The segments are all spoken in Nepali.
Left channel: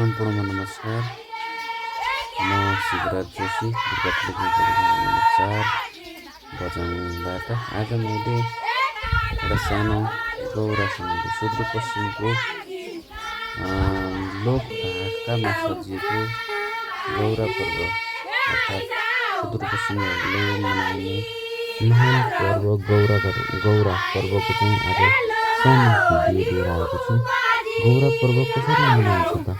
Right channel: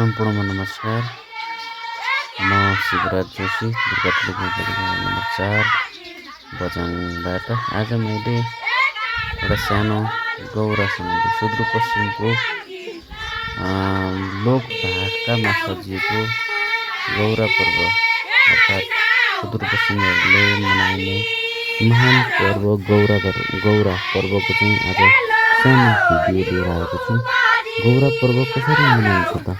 सम्पूर्णमा नमस्कार। म शिवराज जोशी नम्बर 4 बझाङबाट। आज मैले एउटा सानो गौरा सम्बन्धी सुदूरपश्चिमको लोकभाका सजिएको गौरा पर्व अर्थात् सुदूरपश्चिमहरूले मनाइने महान पर्व गौरा पर्वको चाहिँ आज सानो भिडियो लिएर आएको छु। गौरा पर्व कसरी मनाइन्छ त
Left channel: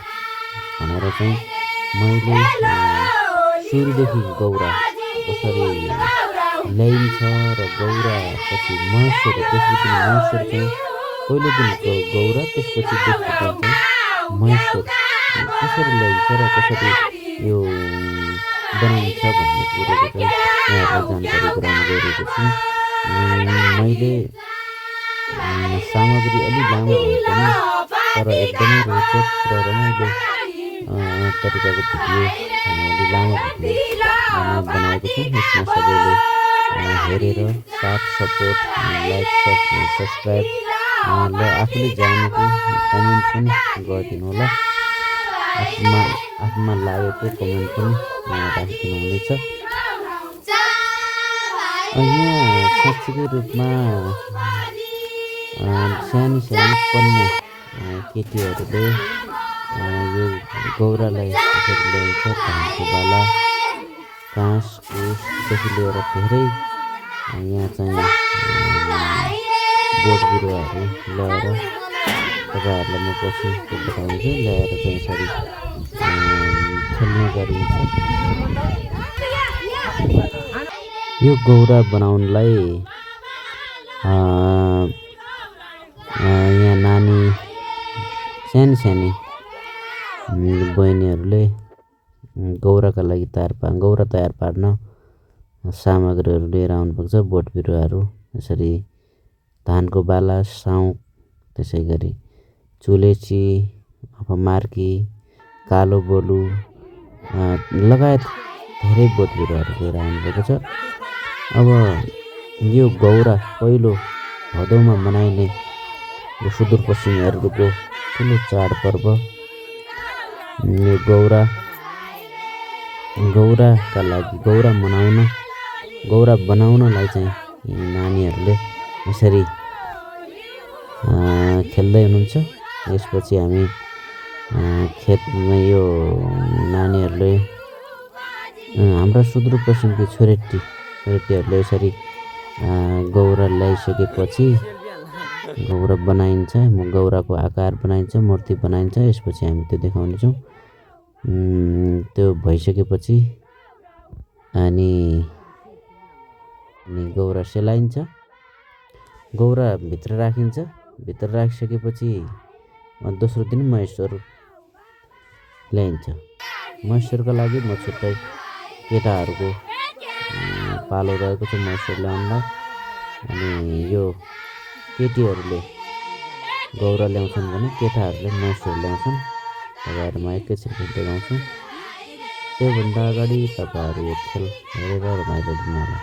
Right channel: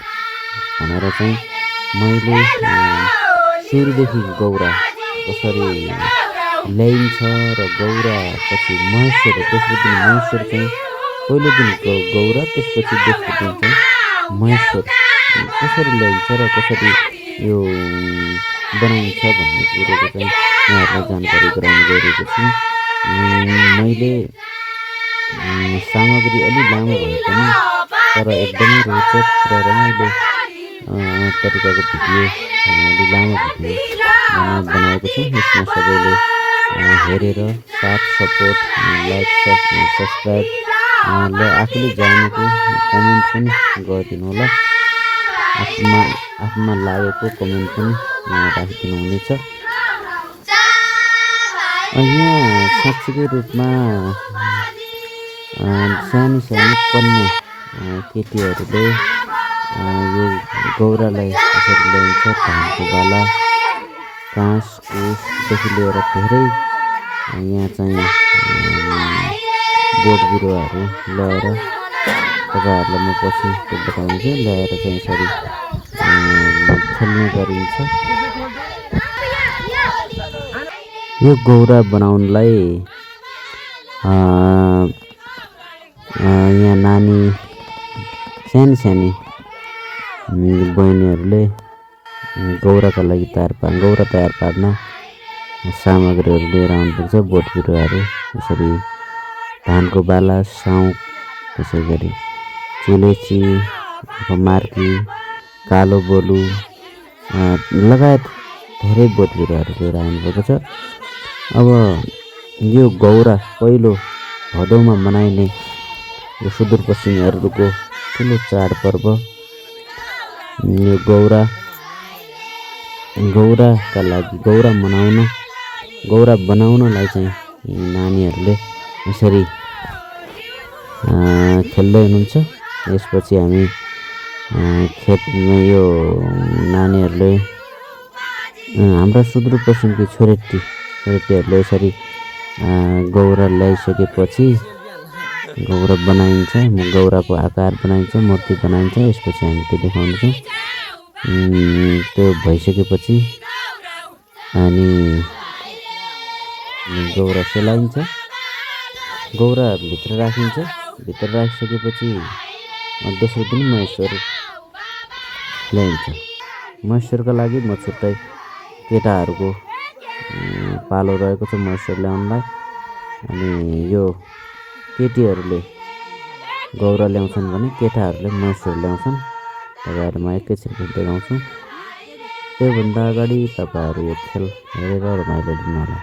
भनेर चाहिँ मैले सुरुदेखि गौरा कसरी ल्याइन्छ र गौरा पछि महेश्वर, दोस्रो दिन महेश्वर चाहिँ पहिलो दिन गौरा, त्यसपछि दोस्रो दिन चाहिँ महेश्वर कसरी ल्याइन्छ र कसरी यो बनाइन्छ भन्ने कुरोको चाहिँ यहाँहरूलाई जानकारी गराउन गइरहेको छु। मैले सामग्री अलि लामो भए पनि तर एकदमै रोचक र रमाइलो तरिकाको भिडियो, अलि लामो भिडियो बनाएको छु। यसमा सबैले हेरेर साथ सपोर्ट, लाइक, सब्सक्राइब र आफूले जानेको कमेन्ट पनि गरिदिनु होला। आफूमा लागेको कमेन्ट पनि राखिदिनु हुनेछ। यहाँ साँच्चीकै रूपमा सानो कन्या केटीहरूले यो गौरालाई यसरी ल्याइन्छ। धानको बाला, काँस, कुसदेखि लिएर धेरै यहाँ चाहिँ बोट बिरुवाहरू ल्याएर तपाईँहरूलाई म पछि बताउँछु। ल्याएर चाहिँ यसरी खेल्ने गरिन्छ। यो गौरा बनाउनलाई यहाँ नानी सानी बहिनीहरूले गौराका लागि गौरा तयार पार्न सामग्रीहरू लिएर आउनुपर्छ। बोट बिरुवाहरू, यसरी धानको बाला, साउँ, त्यसै गरी चुलेची, मार्की, कालो बोलु लगायत धेरै बोट बिरुवाहरू लिएर आउनुपर्छ। अब यो गौरा पहिलो भदौमा मनाइने यो सुदूरपश्चिमीहरूको ठुलो चाडपर्व। यो गौराका लागि गौरा बनाउनलाई चाहिँ नानीहरूले यसरी खेल्दै हुनुहुन्छ। यसपछि हामी खेतमा यो नानीहरूले हाम्रा सुदूरपश्चिमकी छोरेटीहरूले यसरी गौरा ल्याइसकेपछि गौरा बनाइन्छ, गौराको आकार बनाइन्छ, मूर्ति बनाइन्छ। यसपछि हामी त्यो देखाउनेछौँ। त्यो भइसकेपछि अनि गौरा सेलाइन्छ, गौरा भित्र राखिन्छ। भित्र राखिसकेपछि दोस्रो दिन महेश्वर ल्याइन्छ। महेश्वरका लागि म छुट्टै केटाहरूको पालो रहेको छ महेश्वर ल्याउनलाई। अनि यो केटीहरूले गौरा ल्याउँछन् भने केटाहरूले महेश्वर ल्याउँछन्। तपाईँहरूमा एकैछिन देखाउँछु। त्योभन्दा अगाडि तपाईँहरू यो खेल हेरेर रमाइलो लिनु होला।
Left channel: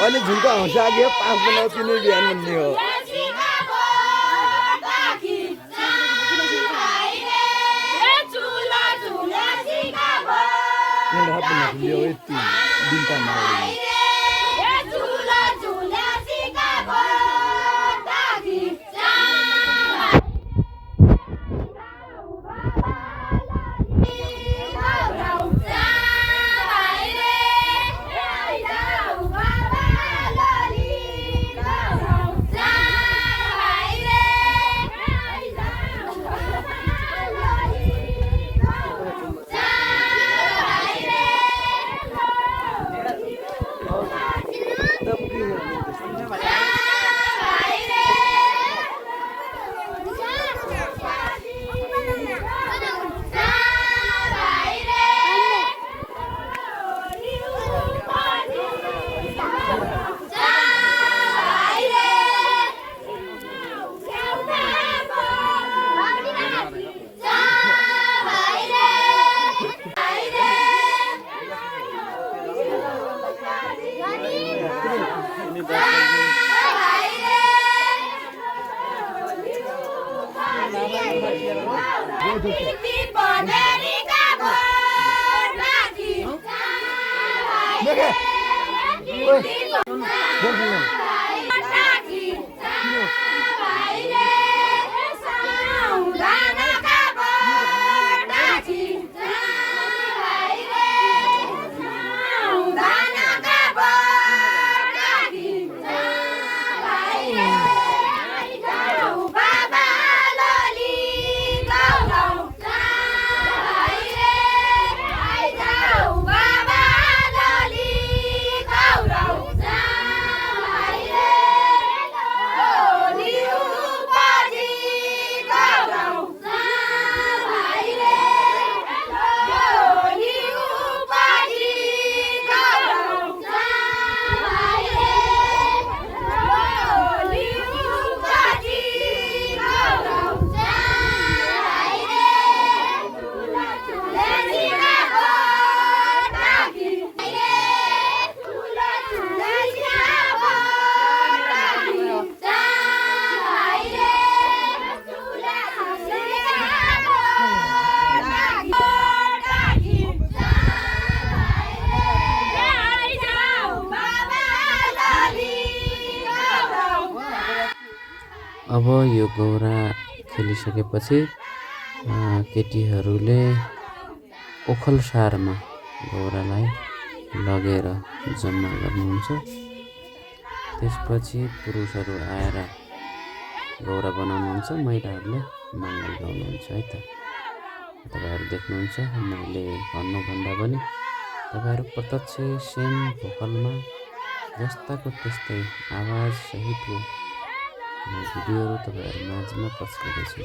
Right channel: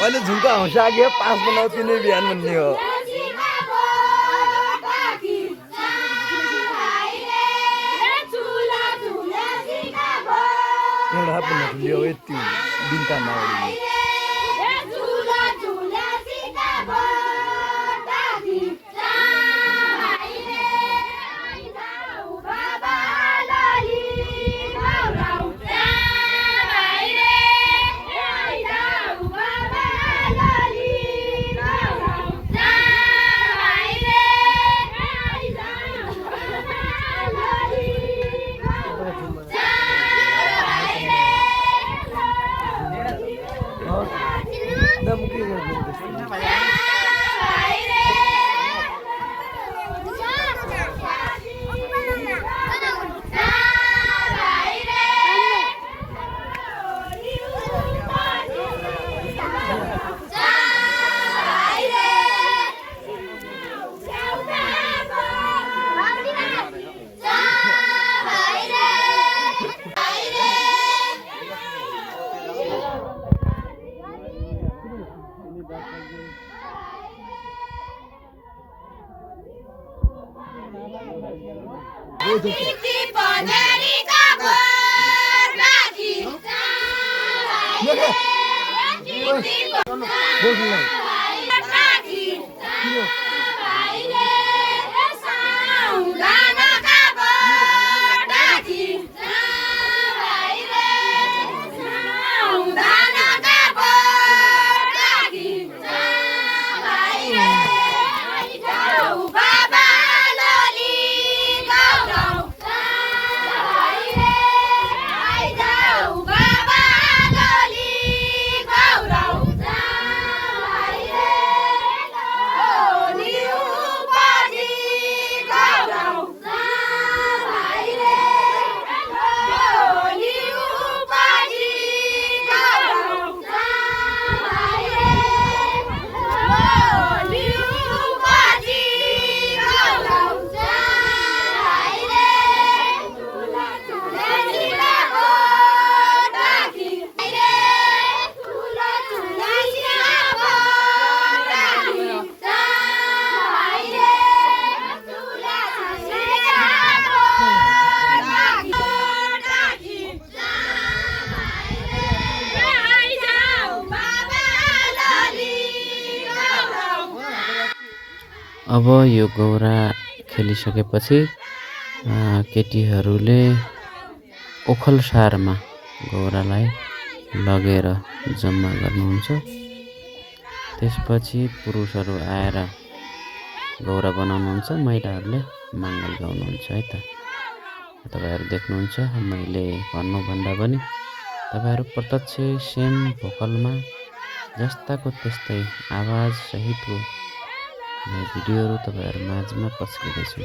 अहिले झुल्का हौसा आगे 5 बनाउ 3 बिहान भन्ने हो एउटा हप्पन झुल्यो यति दिनका माउली अब यो गौरा खेलिसकेपछि केटीहरूले ओखलसारमा गौरालाई लगेर जम्मा गर्नुहुन्छ। त्यसपछि पुरुषहरू आएर गौरा बनाउनुहुन्छ, महिलाहरूले मङ्गल गाउनुहुन्छ है त। तपाईँहरू देख्नुहुन्छ, मैले भन्नुभन्दा पनि तपाईँहरू प्रत्यक्ष सेम भोकलमा जस्ताको त्यस्तै आवाज सहितको भिडियोहरू तपाईँहरू माझमा पस्किँदैछु।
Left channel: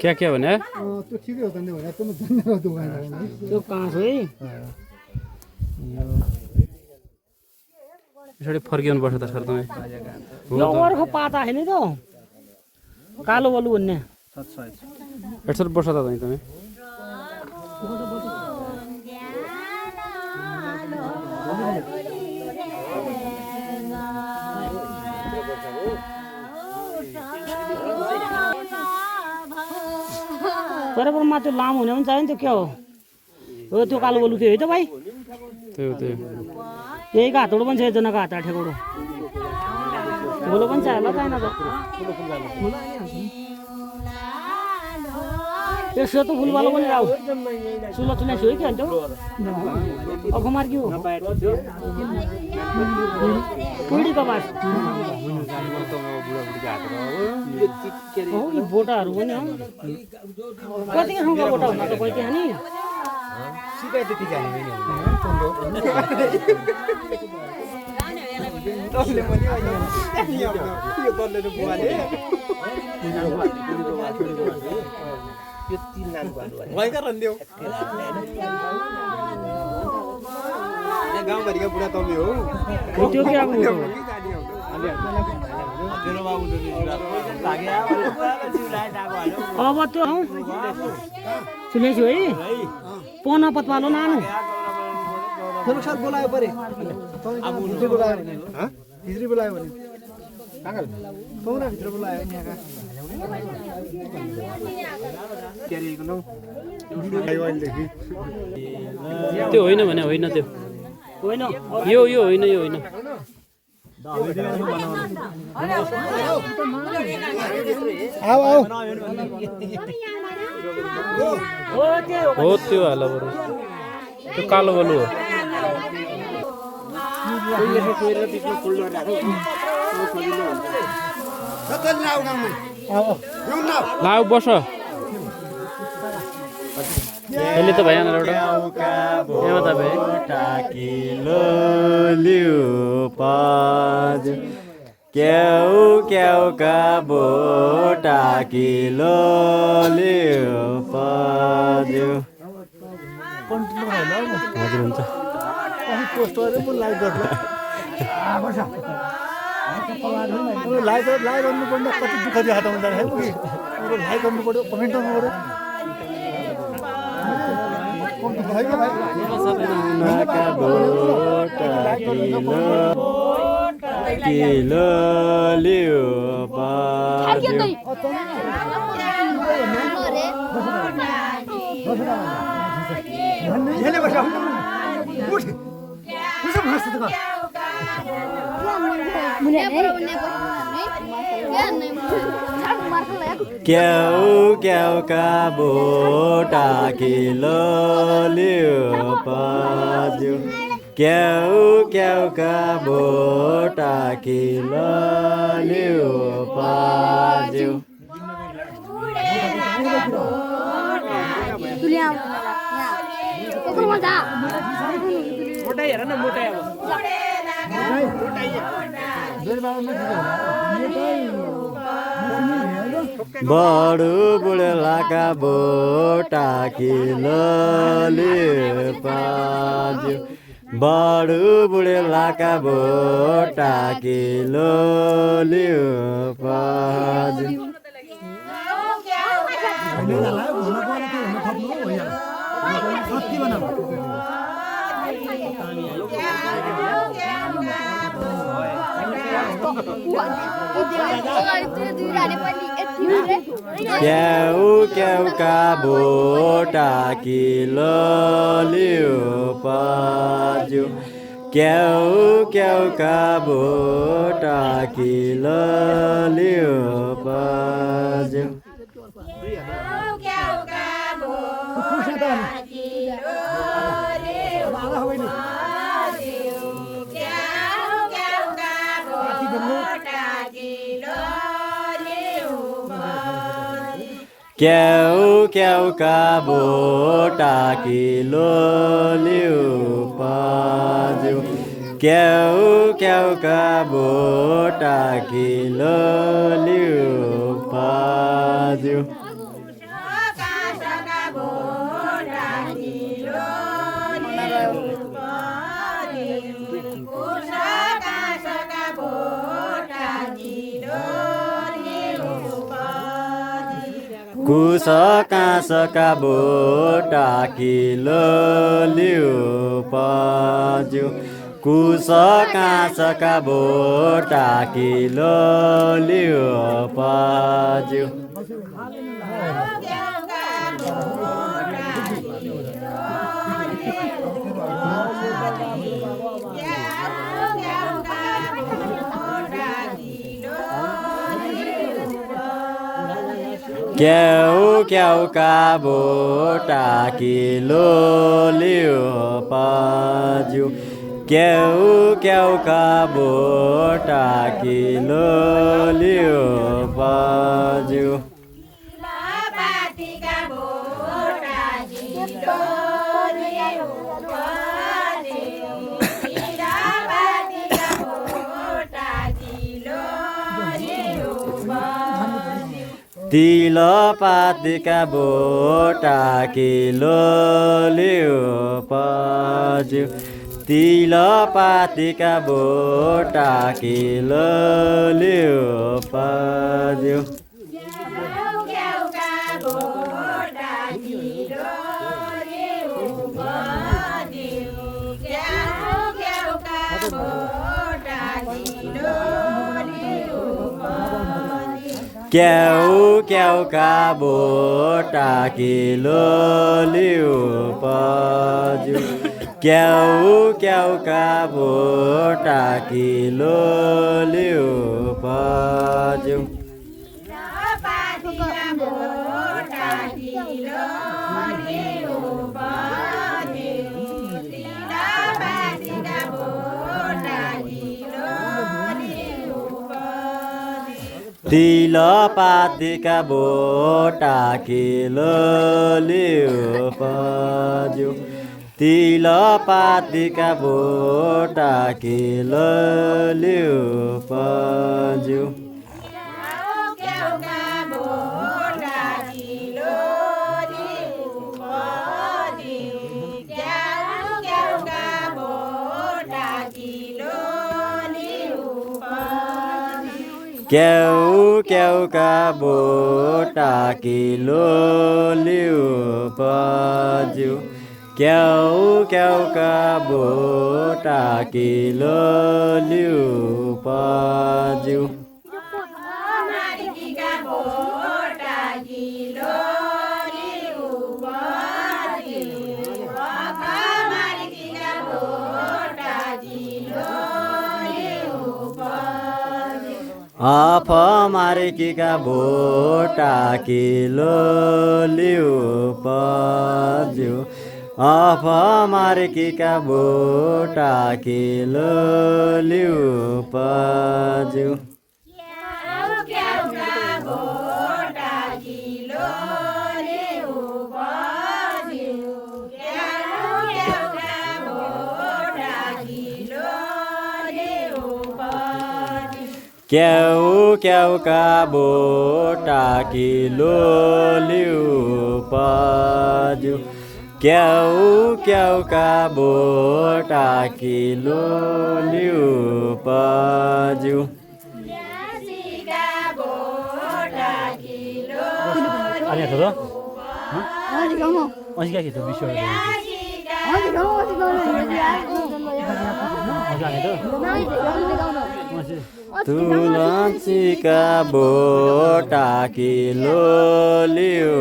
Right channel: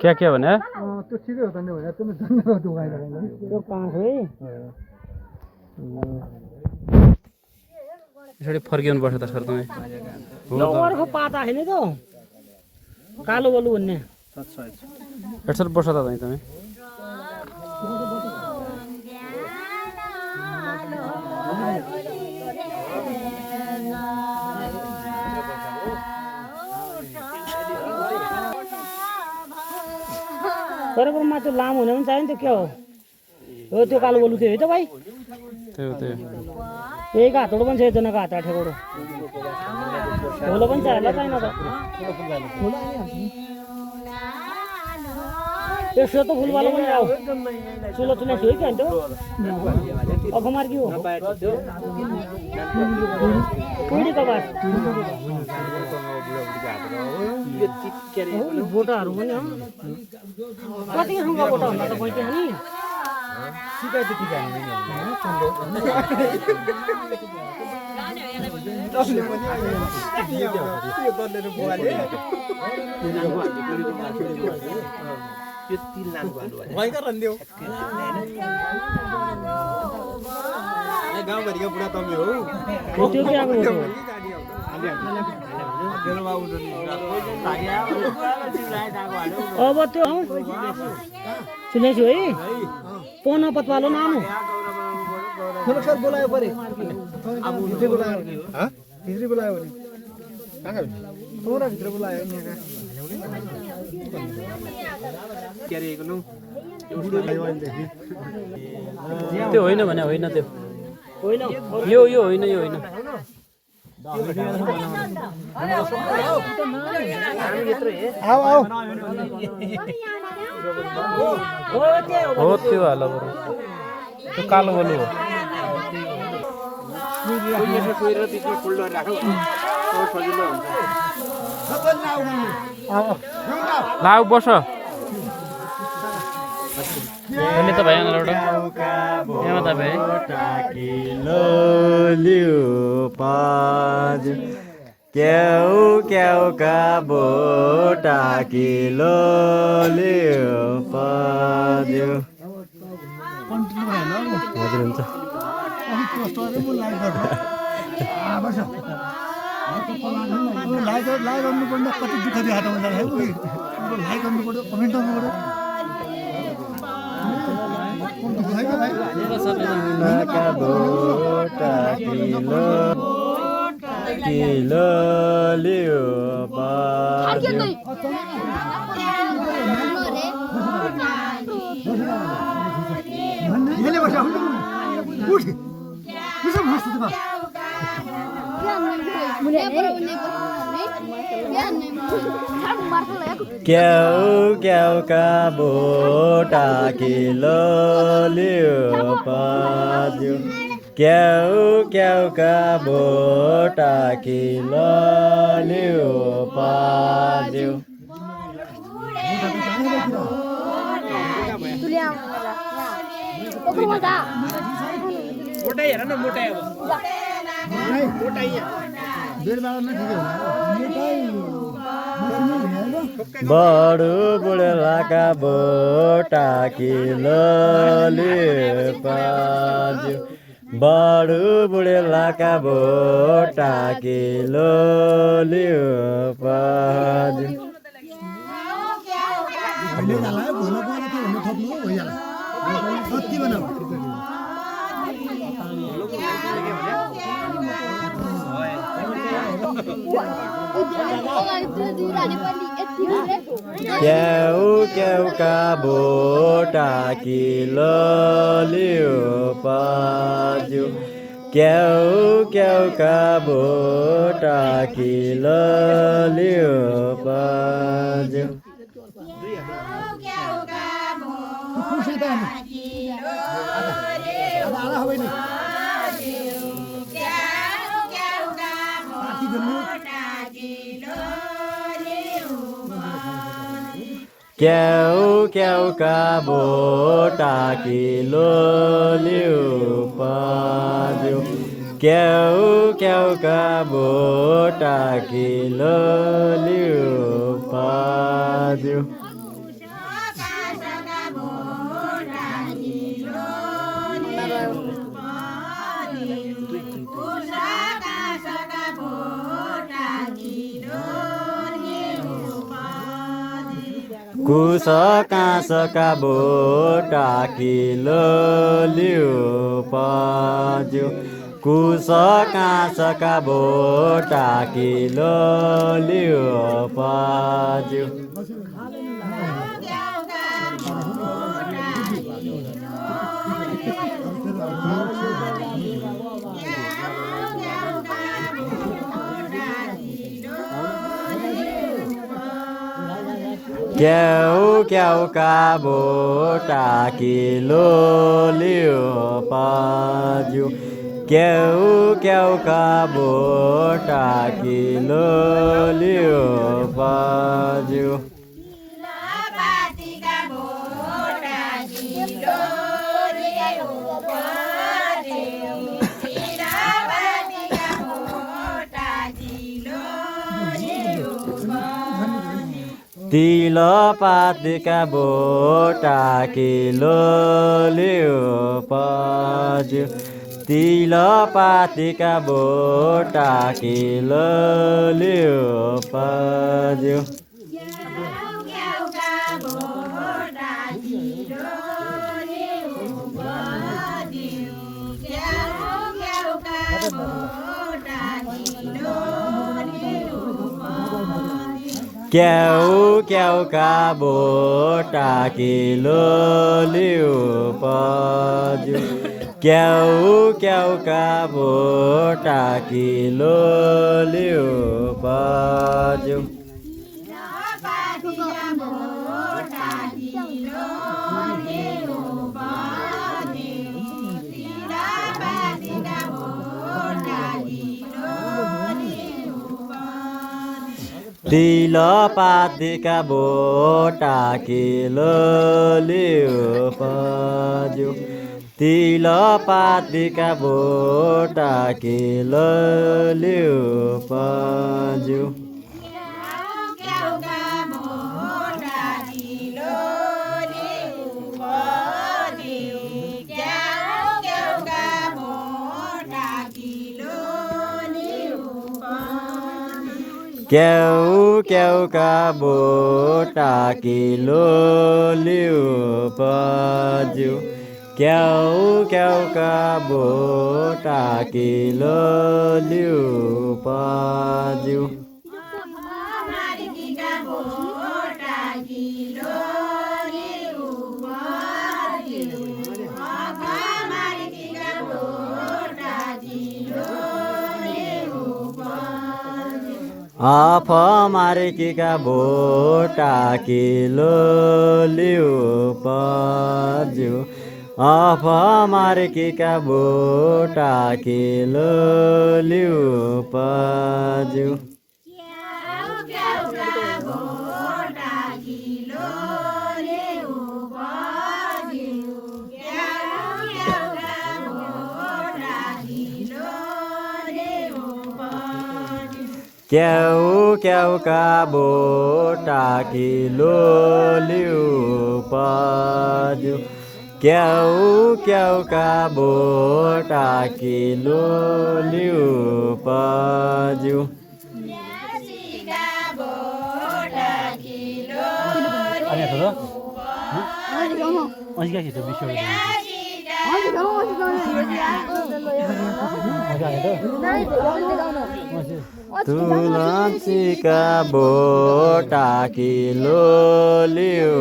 क्या क्या भने त्यो ठिकै हो त नि भने तिमी धन्यवाद त्यो कहाँ छ है यसरी फर्किनु पर्छ त सर तपाईँ अर्को पाता होइन त कालो बलु भन्ने यसरी बस्छ त तपाईँ बराबर मात्र लामो हुने पनि चाहिन्छ के हो हो त्यो कालो बलु थियो है त भाइ त्यो त्यो यही घाटोडो पनि छ एकजनाको हात आठेकोडो ठुलो पनि छ होला छैन त त्यसो त फुलवाला पनि आऊ चुलो चुले छु कि अन्त अफमार के हो कुडी त बस बोटाहरू पनि हो कति खाउँका बोटा भन्दा त पैसा नि सिकाइ त्यति जाने नि दसले पनि यो दलले बुवाले यो तिल नानु भन्नु भएका रन्दियो गाउँभरिका बुढा तमी हो त्यो के आएको अब त्यो सुने छु है पना पतवालो नानु सर बोलायो परे अब हिजो बोलायो हिजो बोलायो भने काका तोरा भित्र बोलायो यहाँका त्यो होइन भने होइन त्यो होइन यो होइन यो होइन हो त्यो हाल बरु त्यो कालो बलु हो लाउ बस यसले त भएन एउटा यहाँ त भए क्याउ क्याउ का बोटा किलो लियो पाज्यो हजुर हुन्छ लाइक गर्नुपर्ने कति दुःख देखाएको हुन्छ लाइक गर्नु पर्यो कमेन्ट गर्नु पर्यो किलो लियो पाज्यो क्याउ क्याउ का बोटा किलो लियो पाज्यो क्याउ क्याउ का बोटा किलो लियो पाज्यो मोटाई हेर न मोटाई अब बडु बुढलाका बोटा किलो लियो पाज्यो बडु बुढलाका बोटा किलो लियो पाज्यो क्याउ क्याउ का बोटा किलो लियो पाज्यो क्याउ क्याउ का बोटा किलो लियो पाज्यो क्याउ क्याउ का बोटा किलो लियो पाज्यो क्याउ क्याउ का बोटा किलो लियो पाज्यो कुस काँसका बोटा किलो लियो पाज्यो कुस काँसका बोटा किलो लियो पाज्यो क्याउ का बोटा किलो लियो पाज्यू क्याउ का बोटा किलो लियो पाज्यू तिलपातीका बोटा किलो लियो पाज्यू तिलपातीका बोटा किलो लियो पाज्यू क्याउ का बोटा किलो लियो पाज्यू क्याउ का बोटा किलो लियो पाज्यू तिलपातीका बोटा किलो लियो पाज्यू तिलपातीका बोटा किलो लियो पाज्यू क्याउ का बोटा किलो लियो पाज्यू क्याउ का बोटा किलो लियो पाज्यू आफ मार्कीका बोटा किलो लियो पाज्यू आफ मार्कीका बोटा किलो लियो पाज्यू क्याउ का बोटा किलो लियो पाज्यू क्याउ का बोटा किलो लियो पाज्यू तुलसीका बोटा किलो लियो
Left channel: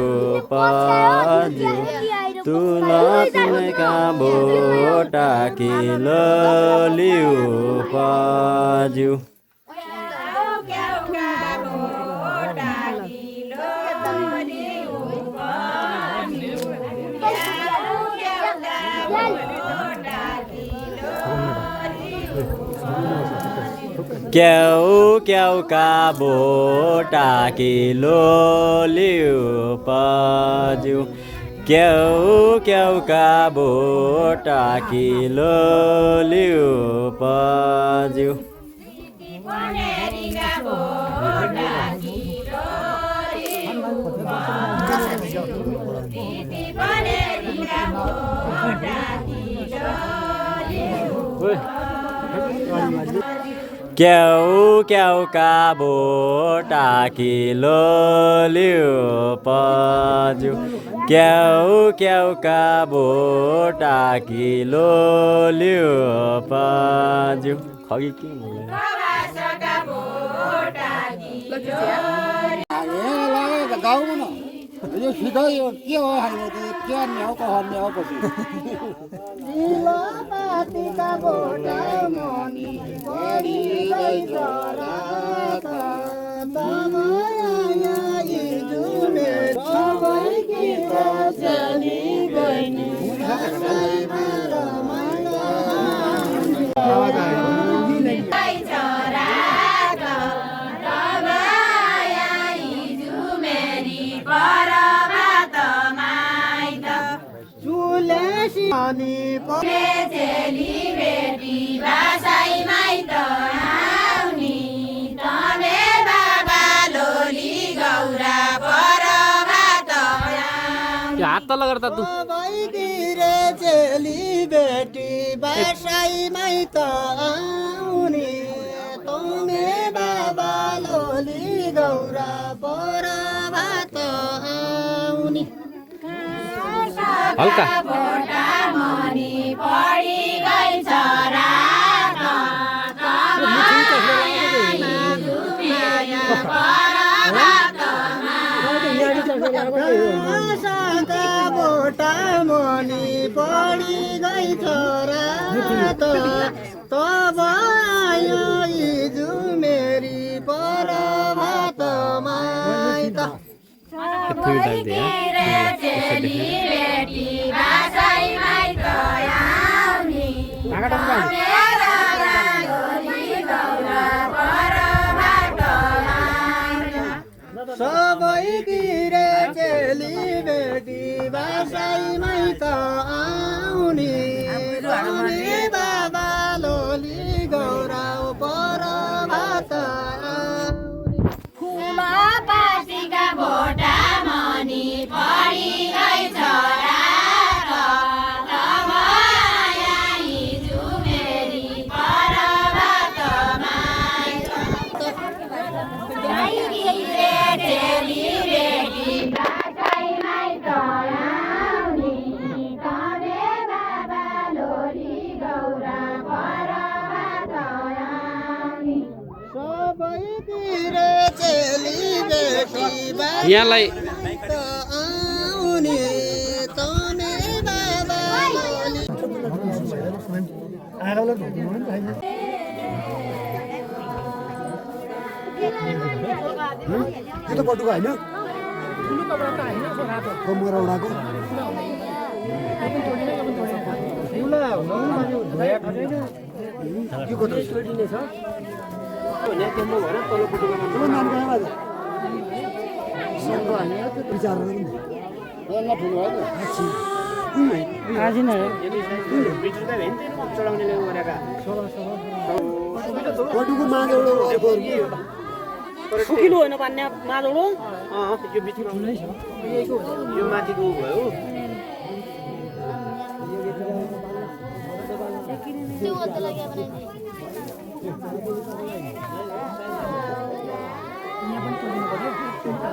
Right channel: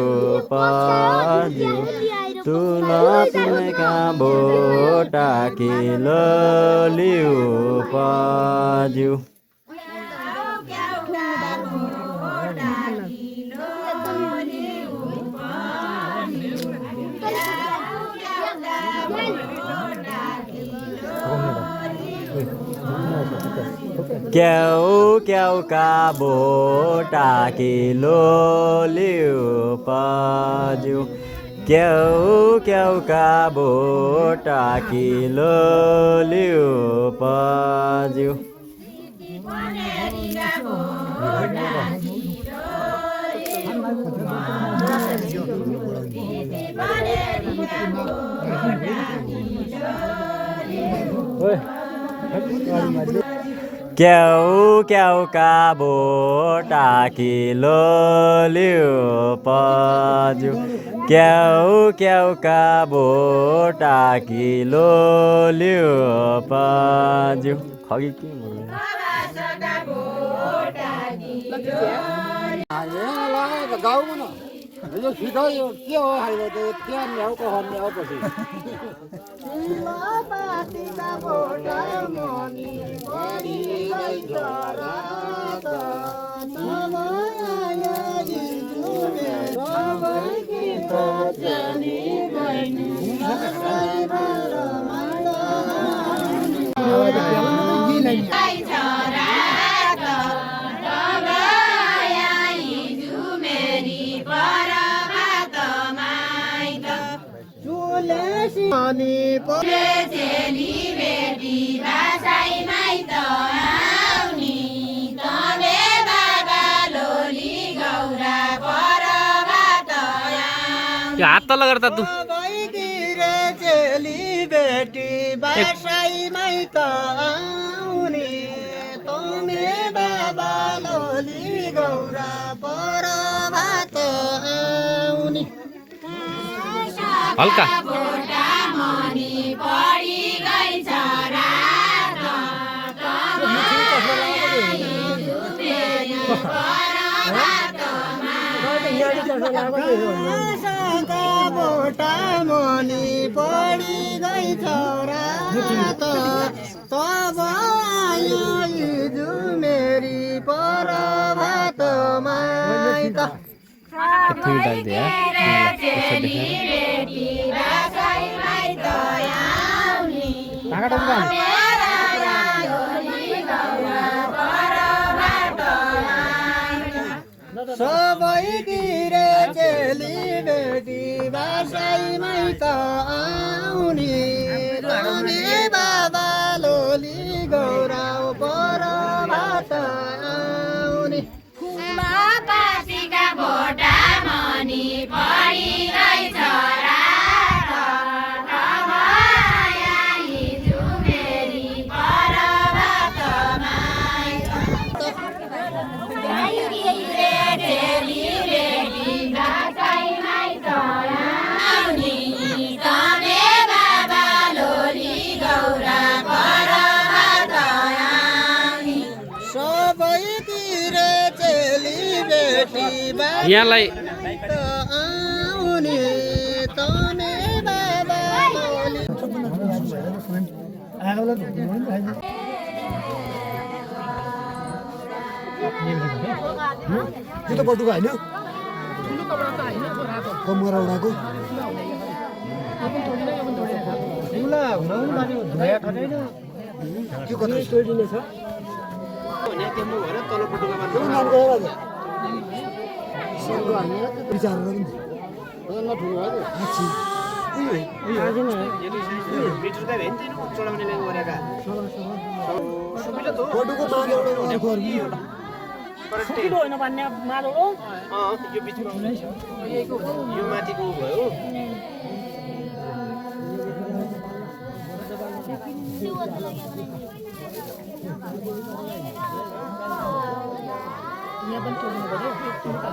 पाज्यू तुलसीका बोटा किलो लियो पाज्यू क्याउ का बोटा किलो लियो पाज्यू क्याउ का बोटा किलो लियो पाज्यू क्याउ का बोटा किलो लियो पाज्यू क्याउ का बोटा किलो लियो पाज्यू खगी के यो सिधै यो के हो हाल्नु त्यो क्या ल्याउको हन्याउपछि तिलपातीका बोटा मन गरिदै जरा तब आयो जुने अनि चेली बेटी बासाई माइत आउनी तमे बाबा लोली गौरा परबाट त्यो हात तल गर्दा तु भइदिरे चेली बेटी बासाई माइत आउनी तमे बाबा लोली गौरा परबाट आउनी हल्का मनी पढी गई छोरा बोटा मनी पढी गई छोरा तब आयो हिजो मेरी परबाट माइत चेली बेटी बासाई माइत आउनी सबै गिरे चेली बेटी बासाई माइत आउनी तमे बाबा लोली गौरा परबाट आउनी पासीका भोटा मनी पढी गई छोरा हिजो मेरी परबाट माइत चेली बेटी बासाई माइत आउनी तमे बाबा लोली गौरा परबाट आउनी सबै गिरे चेली बेटी यहाँलाई आउनी तमे बाबा लोली त्यो पटुको होइन कमरौडाको के कत्रो विचार पटुको माग सुकिलो होइन भन्ने मादोलो यो बिचमा यो माथिको भयो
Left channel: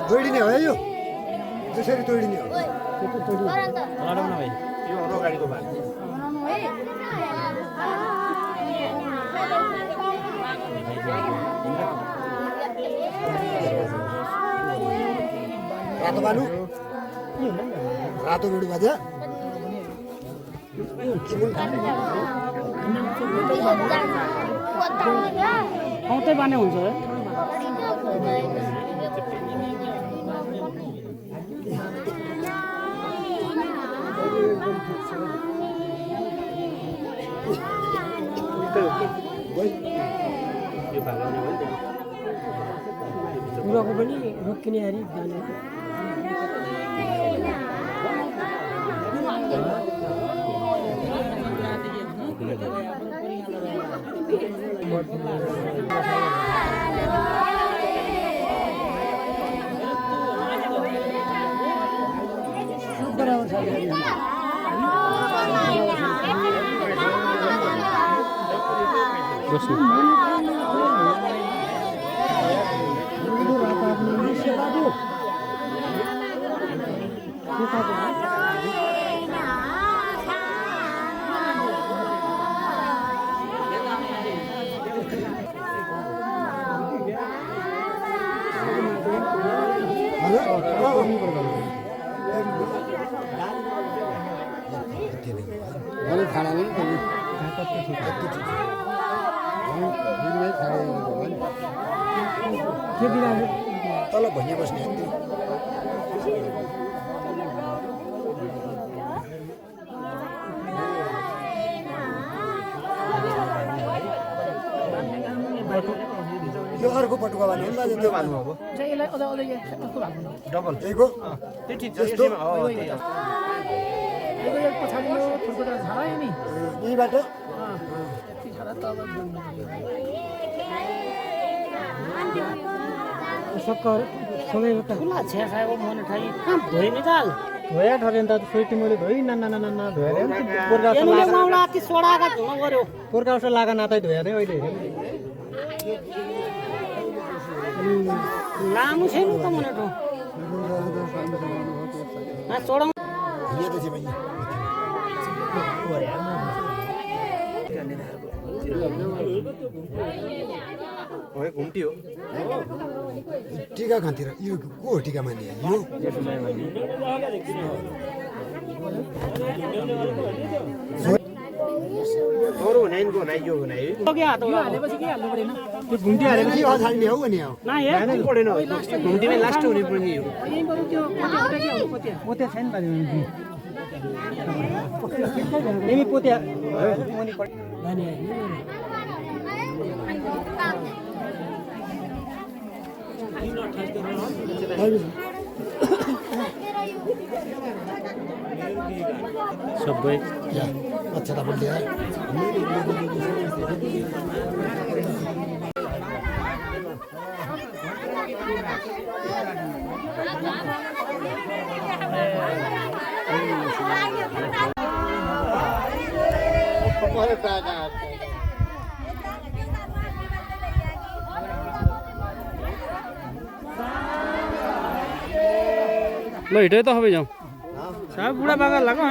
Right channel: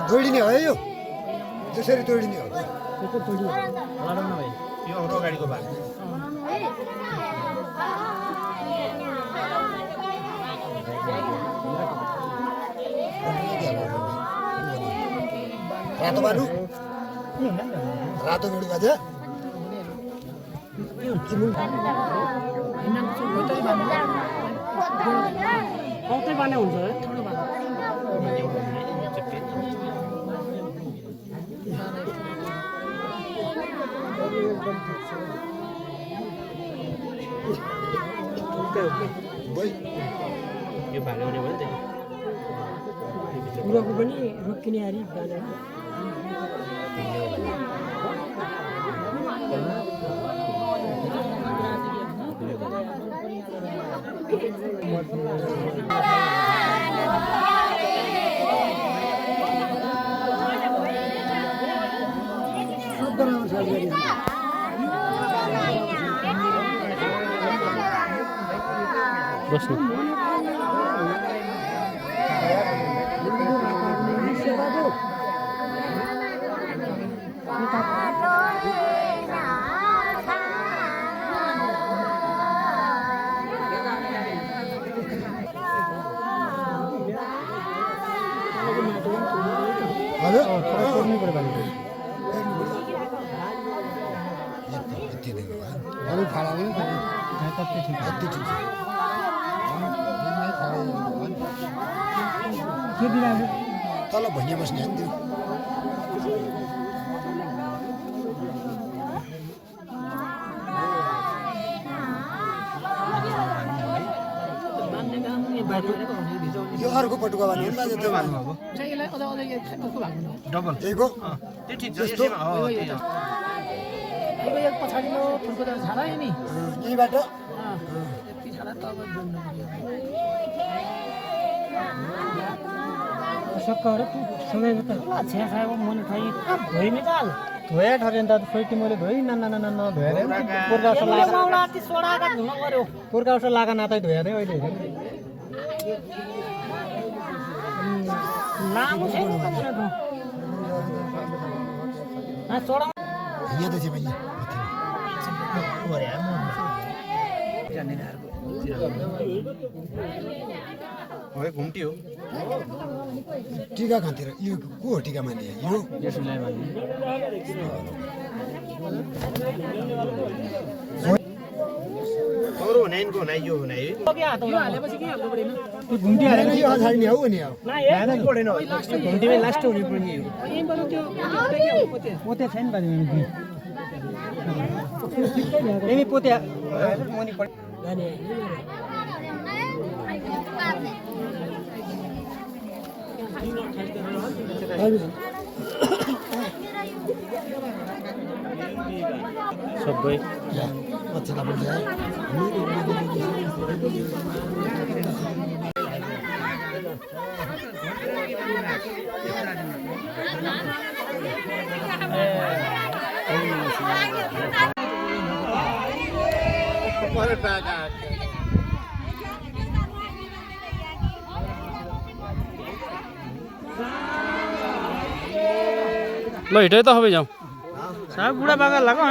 तोडिने हो यो जसरी तोडिने हो यो हाम्रो गाडीको भाग रातो बालु रातो बेडु बाजा कतै बाने हुन्छ यो भाग आउने भयो नि त पुराको पनि रोकिने हारी तल भैया बस्ने त्यो यो अर्को पटुका भन्नु नि दाजु त्यो भन्नु अब डबल त्यहीको त्यो ठिक छ यसैमा हो त्यही हो यो एक पछाडि नो फुलको त झाडा है नि यहीबाट यति झाडा त अब सक्कर सँगै त खुला छ्या खाएको मन ठाई धोइ नि ताल धोया ठरे त सोइटी मैले धोइ ना धोया रे पोरका जस्तो यसले लागा माउला ती सोडाका धुन गर्यो पोरका जस्तो लागा नातै धोया रे अहिले लामो छैन त मेरो ना सोडा यहाँ त चाहिँ भाइ ओए घुम्टी हो टिका खातिर यो को हो टिका माने यो अरू हुने को हुने यो हुने है के हात यो हालेपछि के हाल्नु परेन त्यो घुम्टी हालेपछि यो अगाडि नै हो नि हो ना हे पढेन घुम्टीमै लास्ट हुने पनि हो यहीँबाट त्यो पोते के हो पोते छैन बारे यही पोते मुनि पढ भने सबै अच्छा त बोल्दै ल हिँडै त सबै जाउँ साब बुढा बागा लाग्यो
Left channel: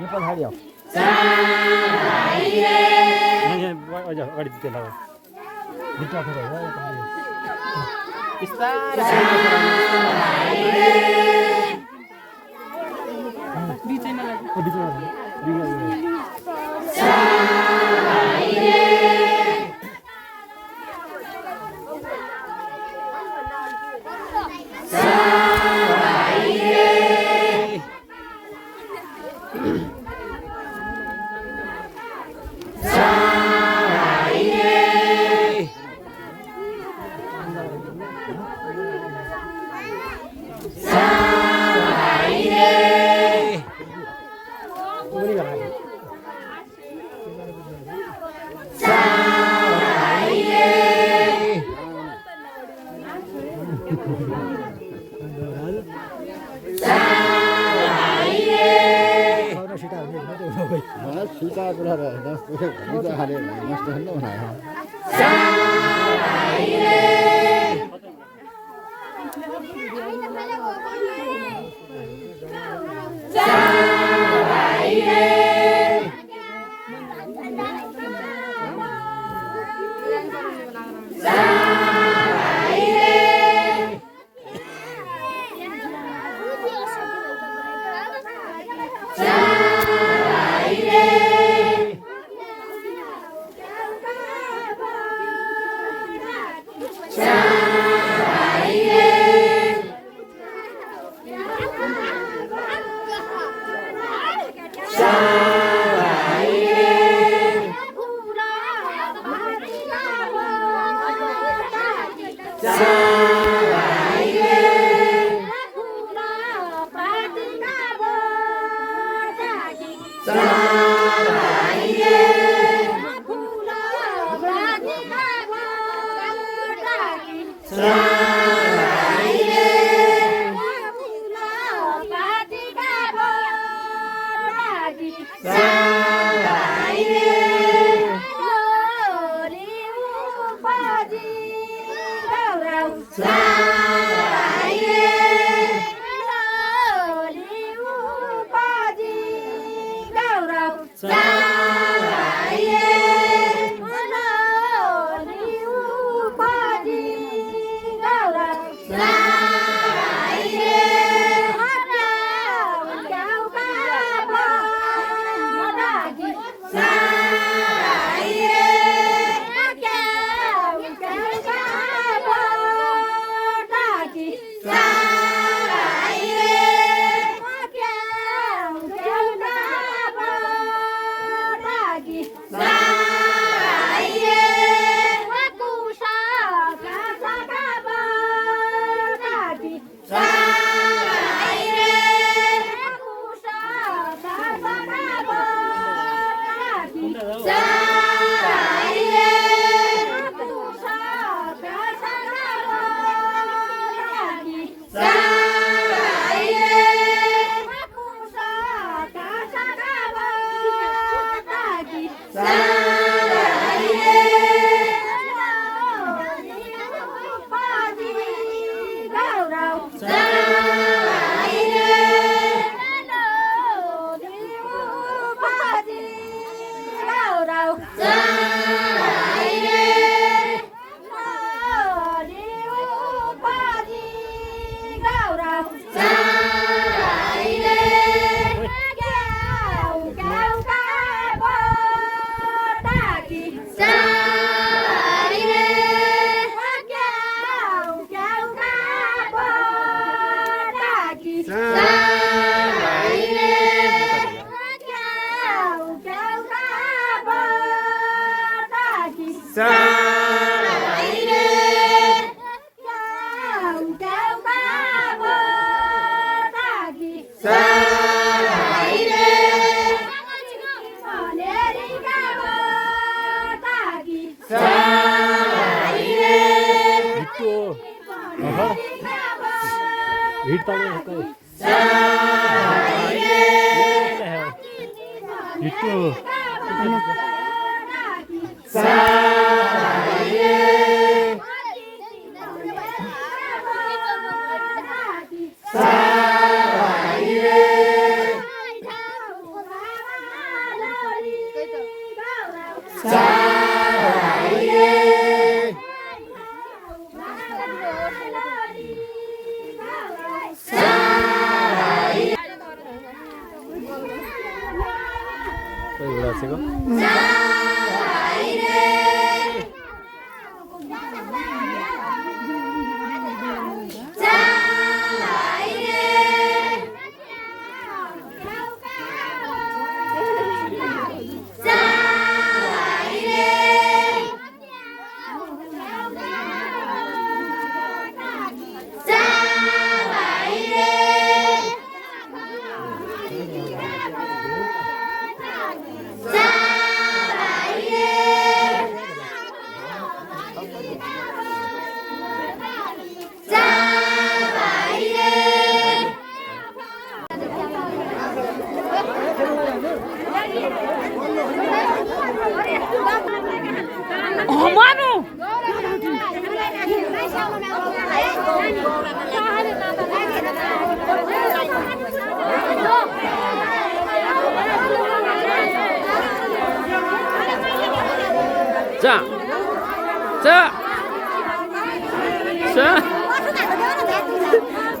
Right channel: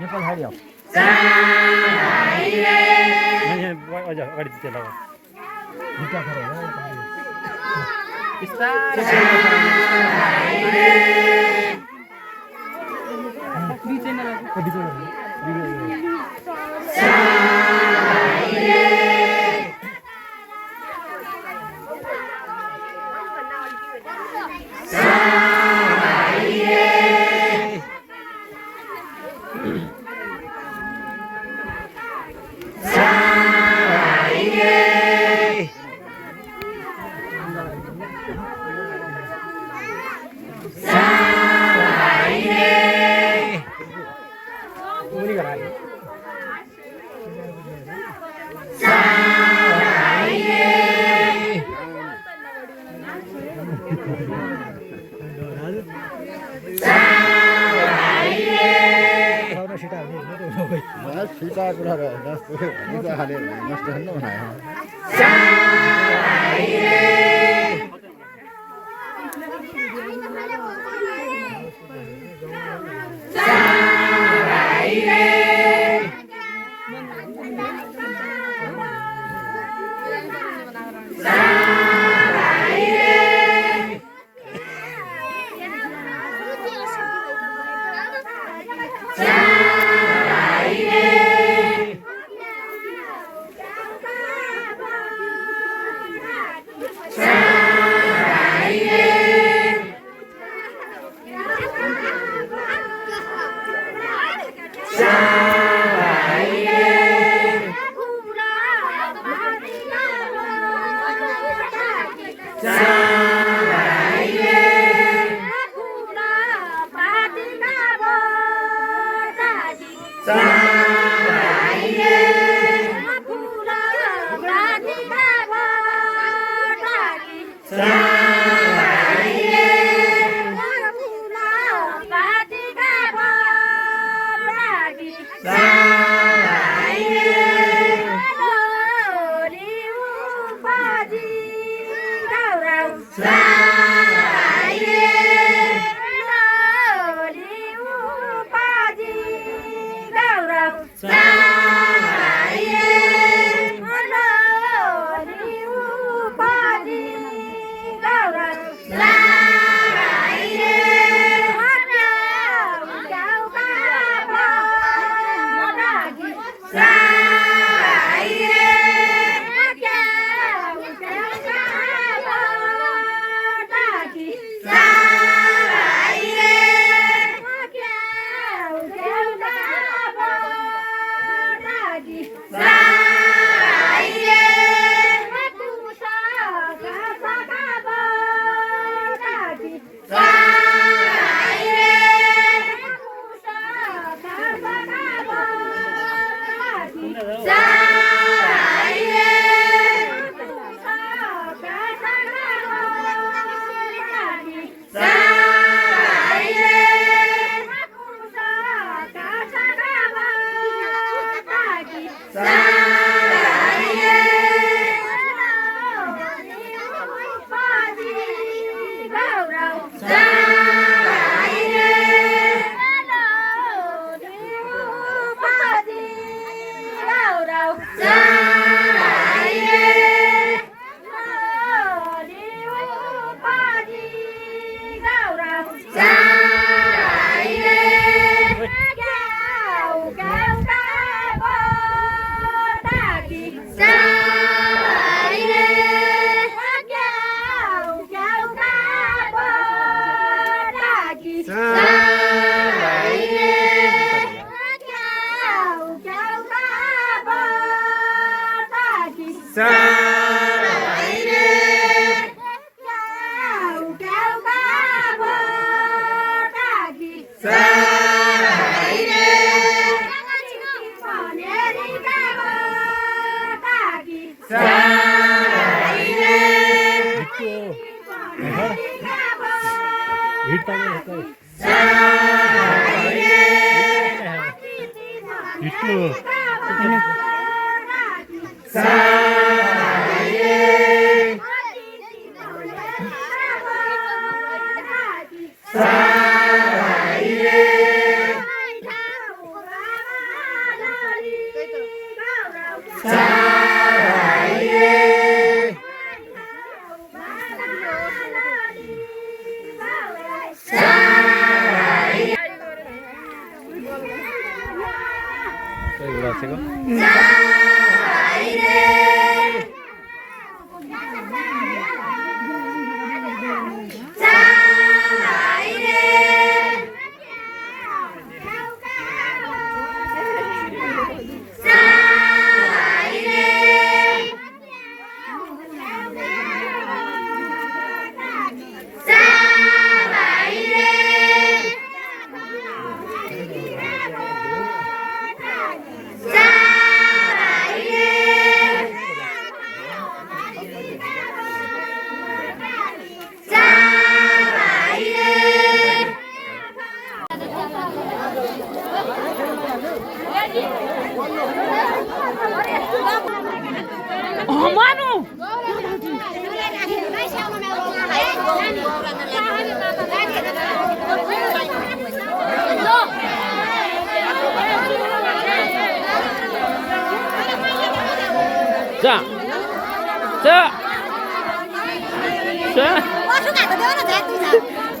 नेपाल अगाडि त्यो लगाऊ सीता कुरा हालेर नष्ट बनायो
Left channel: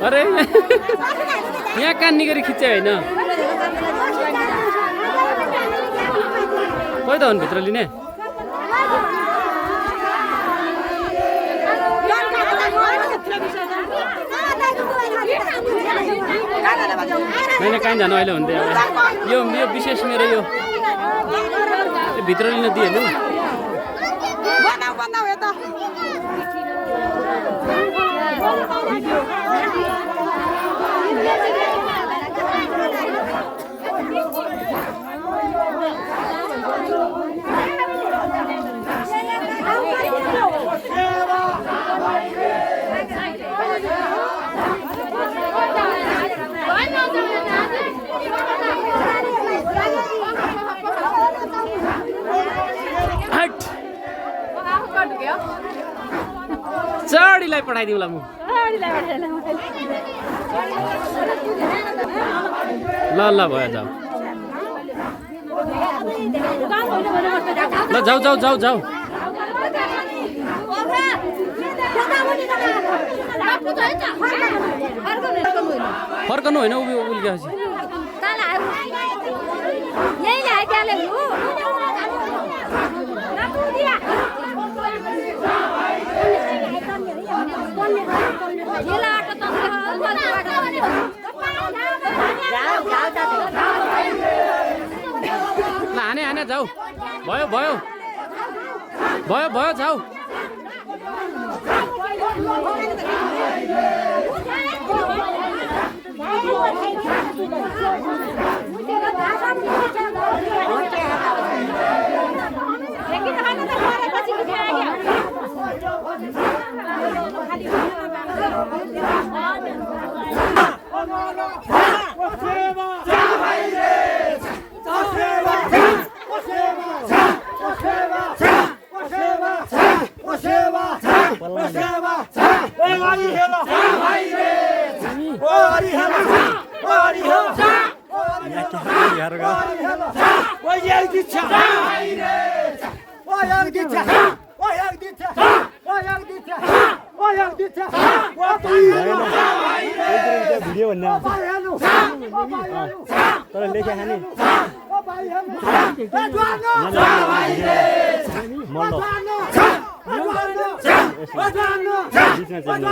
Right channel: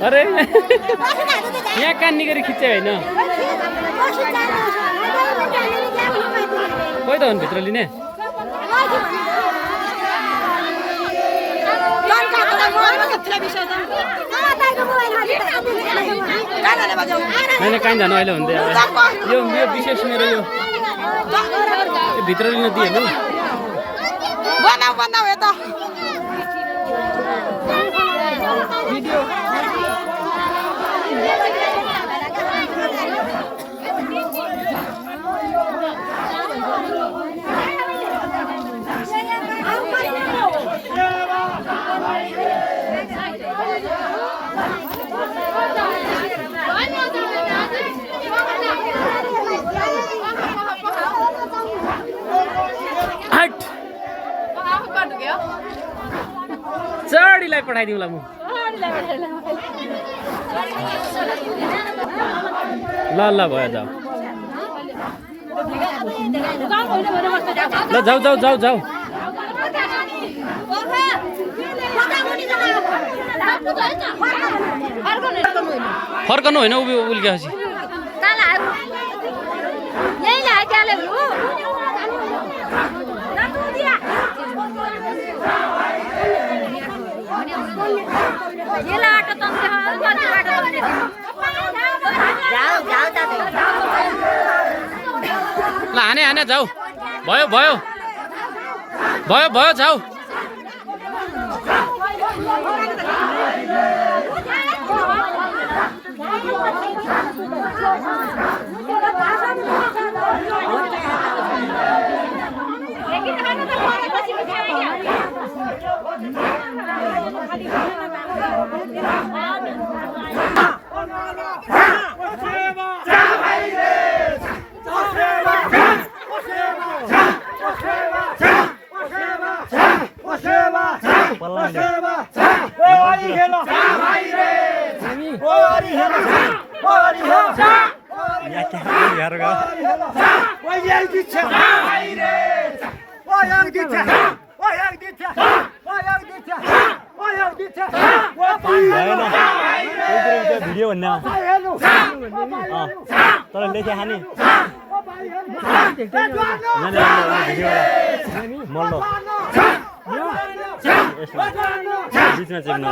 अरे यहाँ कान्नी गरी खिच्यो होइन खोइ त हो भित्र लिने होइन कहीँ जानु अहिले हुन्थ्यो अब यो विशेष मेरो यो भित्र लिन दिइहाल्नु चढीलाई पठाइदिउँला म ल ल भयो जाऊ ल जाऊ जाऊ जाऊ जाऊ फर्कनु होइन उल्केपछि ल हाने हाने जाऊ भयो भयो भयो भयो जाऊ भिडियो भन्ने तर लेखे खाने मल्लो बिचमा चेक्नु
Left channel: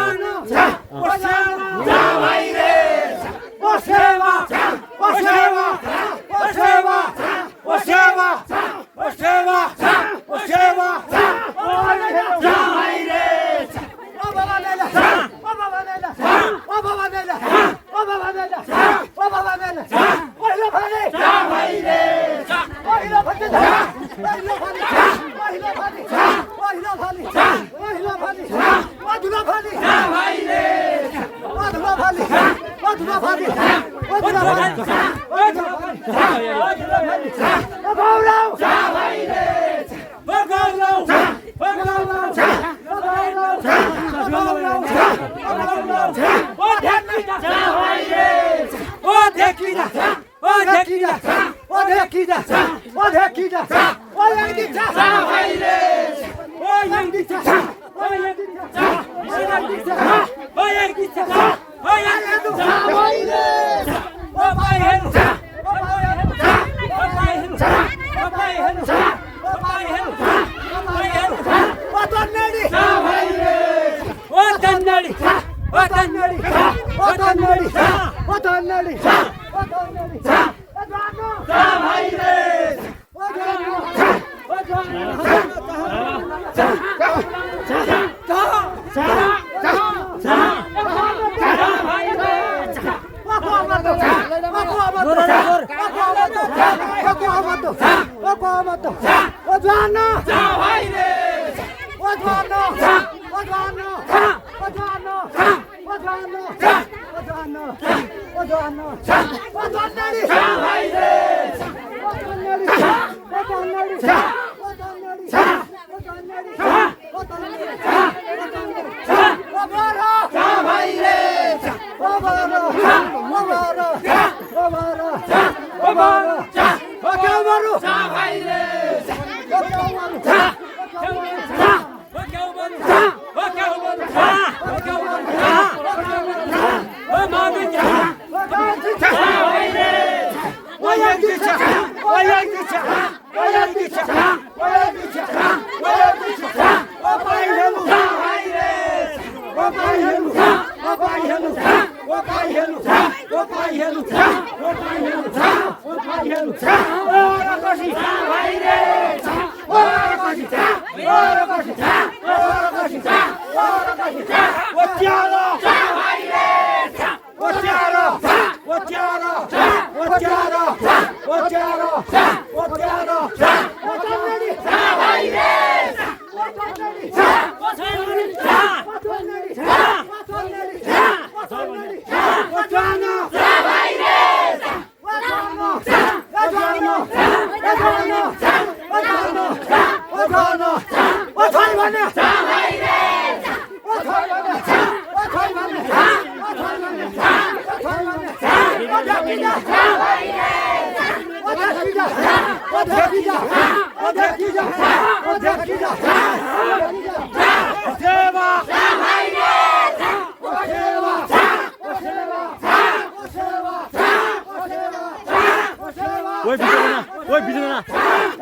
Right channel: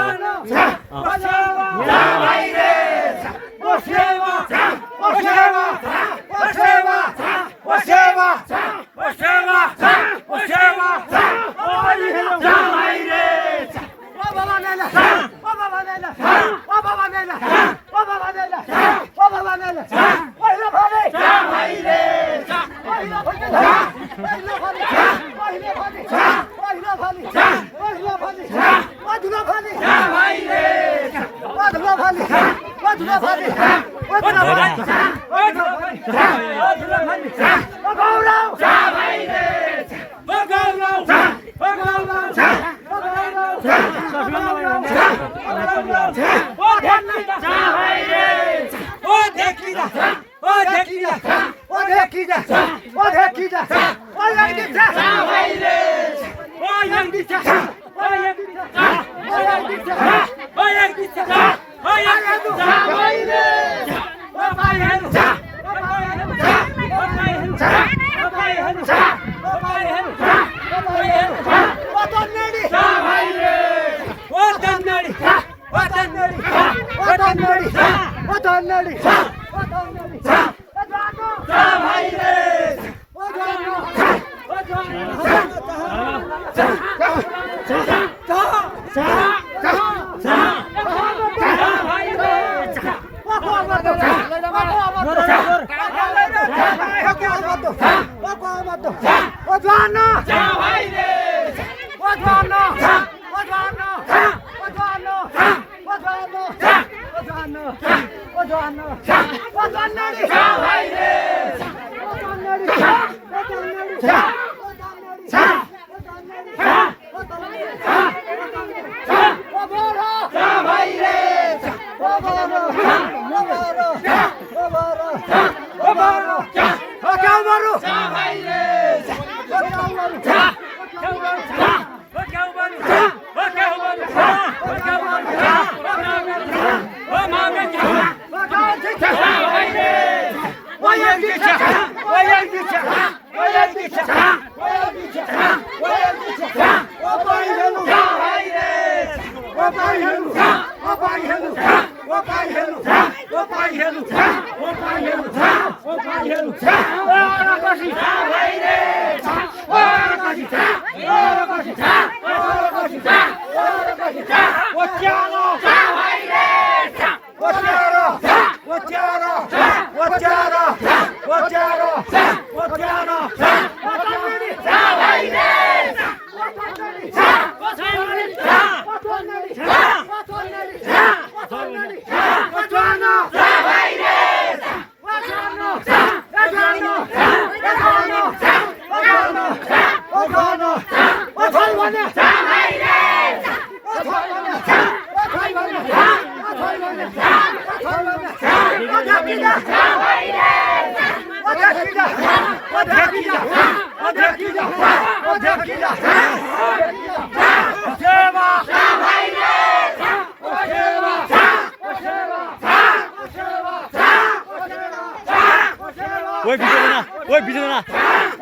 ओइ बिचमा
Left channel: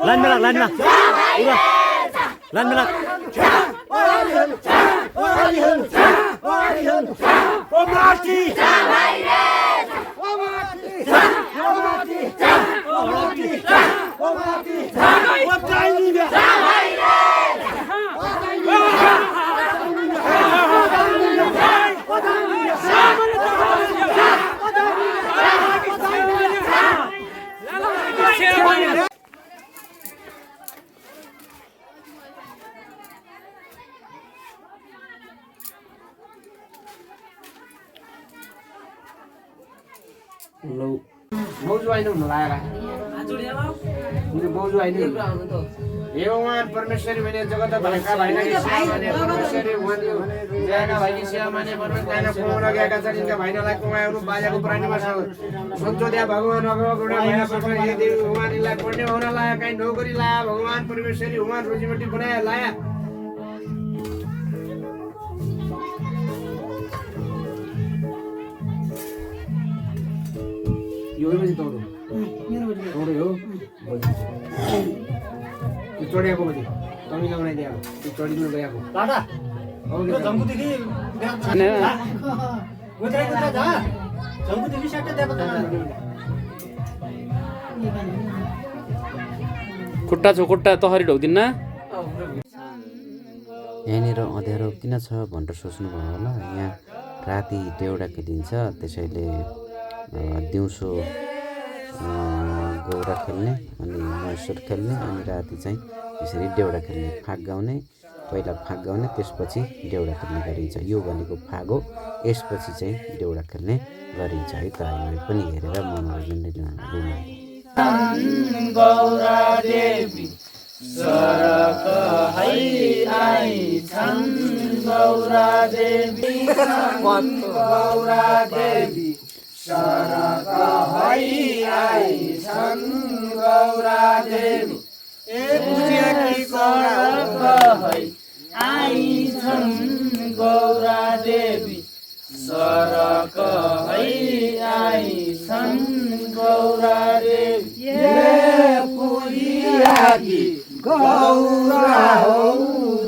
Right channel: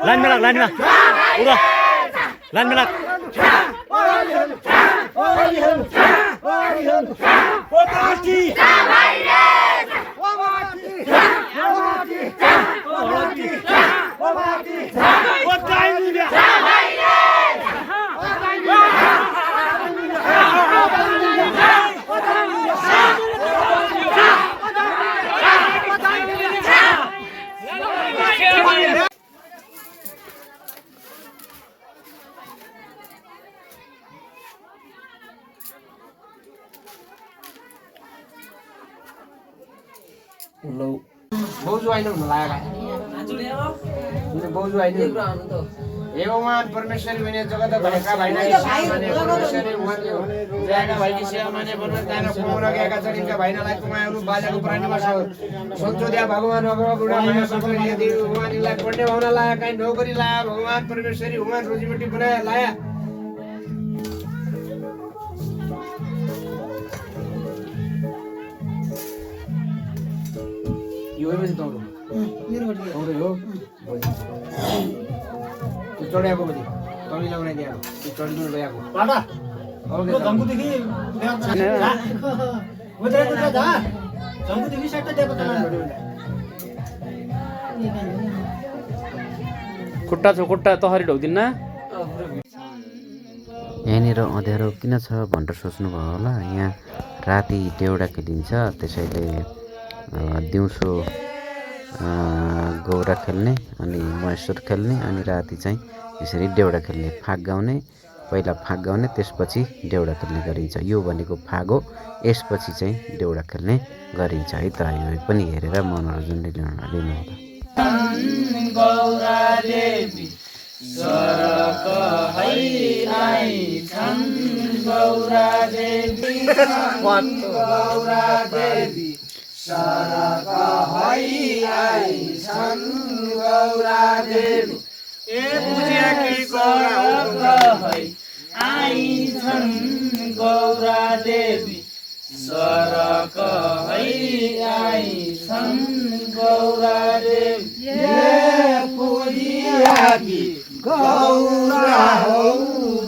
लाइनमा लाग लाइनमा उरा लाइनमा लाग बाउजू अहिले हुन लाग्यो बाउजू अहिले हे भगवान परमेश्वरी भने जगत भनेका भाइना परमेश्वरी उहाँले ज्यादा भाइनी सेवा माने भन्न त्यहाँ पुरा गएका छन् यिनका भाइनालाई कुमायहरू बाजाको प्राणीमा छ सञ्चोद्या भगवान अगम गुणा माया सत्र हे देव भगवानलाई पढ्ने हुन लाया काई नौकरी लाया भगवान परमेश्वरी उहाँ रोजीरोटी बनाया लाया यो बजे तौरो हो त्यो चढेको बजे तपाईँ लाउने दिएको त्यो चढिनु गएको बाटा जम्बुदेखि जम्बुदेखि सेट दिएको खुट्टा छ खुट्टा तहरी ढोक्दिन्न यहाँनिर अँध्यारो किन छ भनेर सोच्नुभयो होला। यहाँ राति देउडा खेलिन्छ, त्यसैले दिउँसो गौरा खेल्ने अनि महेश्वर खेल्ने अनि राति चाहिँ यसरी देउडा खेल्ने, फाग गाउने, पहिला फाग गाउने त्यसपछि देउडा खेल्ने गरिन्छ। यो भनेको फाग हो, यसपछि चाहिँ देउडा खेल्ने गरिन्छ है त। यो पनि हेरेर मनोरञ्जन लिनु गौरा देवी सरक है आइछन् गौरा देवी गौरा देवी सरक है आइछन् गौरा देवी सरक है आइछन् गौरा देवी सरक है आइछन् गौरा देवी पुजियाकी गौरा हौ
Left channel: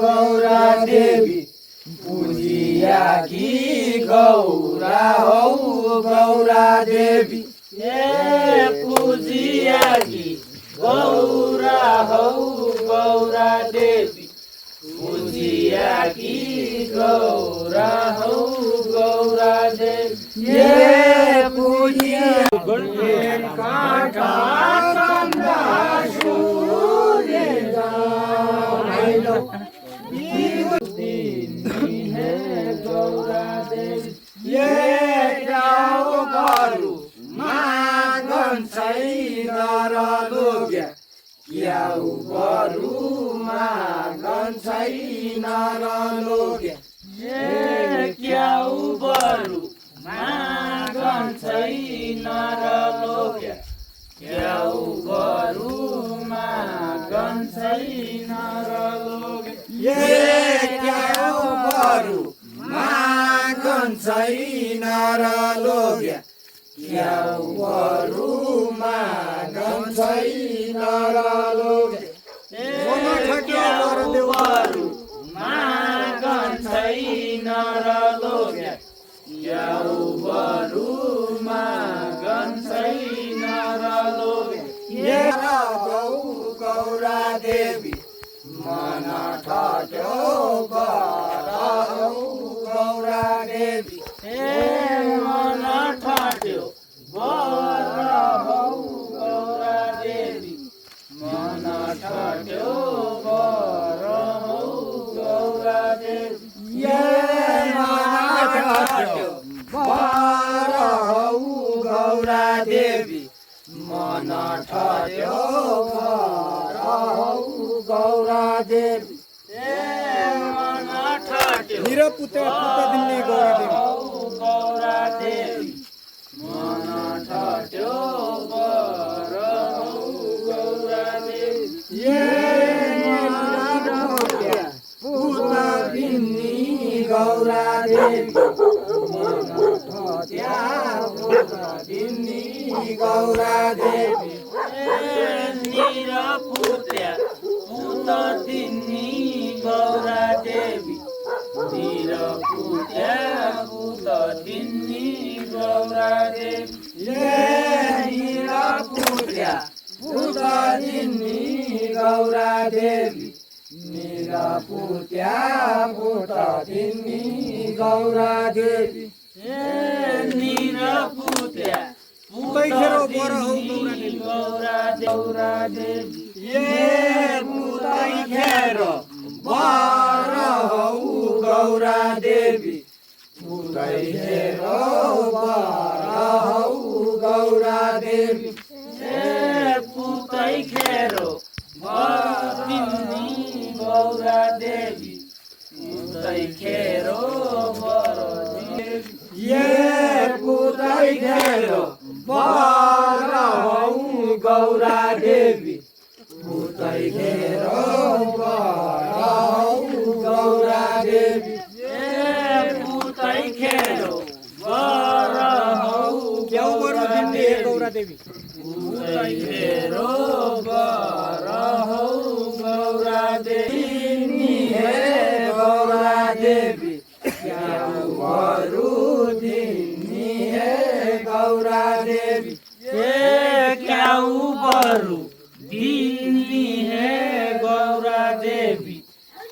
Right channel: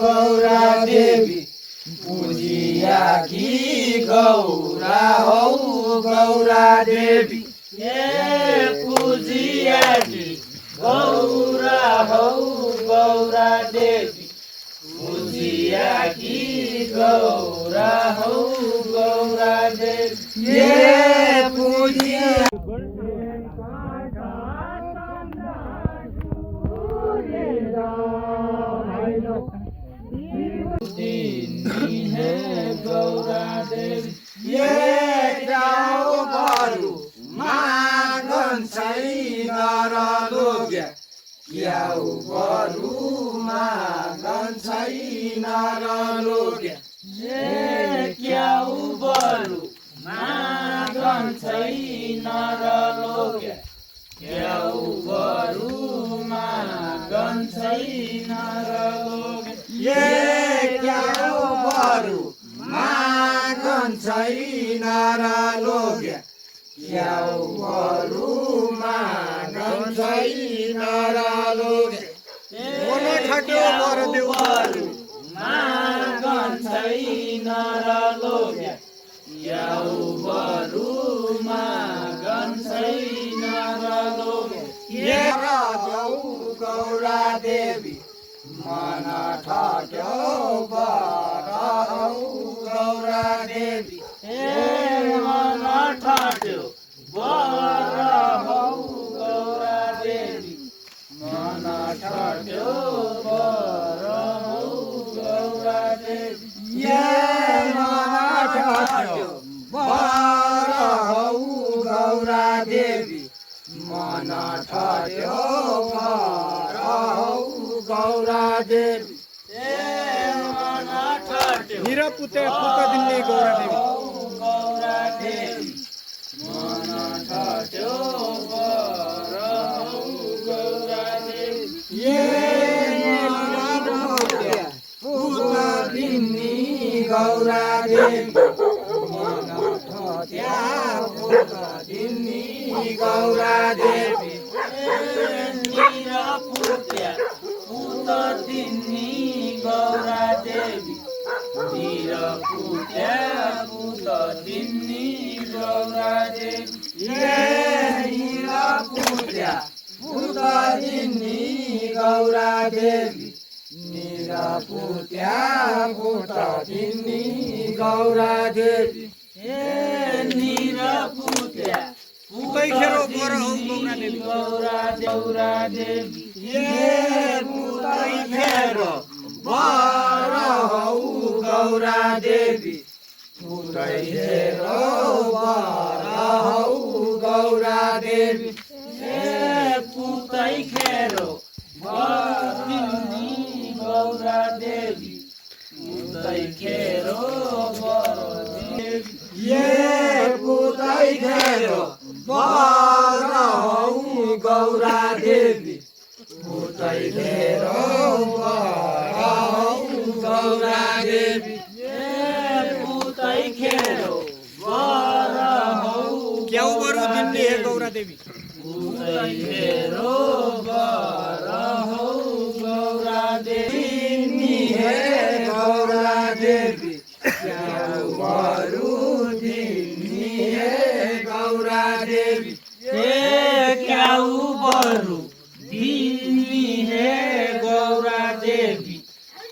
गौरा देवी पुजियाकी गौरा हौ गौरा देवी पुजियाकी गौरा हौ गौरा देवी पुजियाकी गौरा हौ गौरा देवी पुजिया काटा चन्द्र सूर्य हे गौरा देवी जाऊ गरु मागन छैन र लोग्या क्याउ गरु मागन छैन र लोग्या क्याउ गरु मागन छैन र लोग्या क्याउ गरु मागन छैन र लोग्या क्याउ गरु मागन छैन र लोग्या क्याउ गरु मागन छैन र लोग्या क्याउ गरु मागन छैन र लोग्या क्याउ गरु मागन छैन र लोग्या गौरा देवी मन ठट्यो गौरा देवी मन ठट्यो गौरा देवी मन ठट्यो गौरा देवी मन ठट्यो गौरा देवी मन ठट्यो गौरा देवी मन ठट्यो मेरा पुत्र दिल्ली गौरा देवी गौरा देवी मन ठट्यो गौरा देवी पुत दिन्नी गौरा देवी मन ठट्या पुत दिन्नी गौरा देवी निरपुत्या पुत दिन्नी गौरा देवी निरपुत्या पुत दिन्नी गौरा देवी निरपुत्या पुत दिन्नी गौरा देवी निरपुत्या पुत दिन्नी गौरा देवी निरपुत्या गौरा देवी पुतै खेर बर हौ गौरा देवी पुतै खेर बर हौ गौरा देवी पुतै खेर बरिन्नी गौरा देवी पुतै खेर बर पुतै खेर बर हौ गौरा देवी पुतै खेर बर हौ गौरा देवी पुतै खेर बर हौ क्याउ गरु दिन्नी हे गौरा देवी पुतै खेर बर हौ गौरा देवी हे गौरा देवी क्याउ गरु दिन्नी हे गौरा देवी क्याउ गरु दिन्नी हे गौरा देवी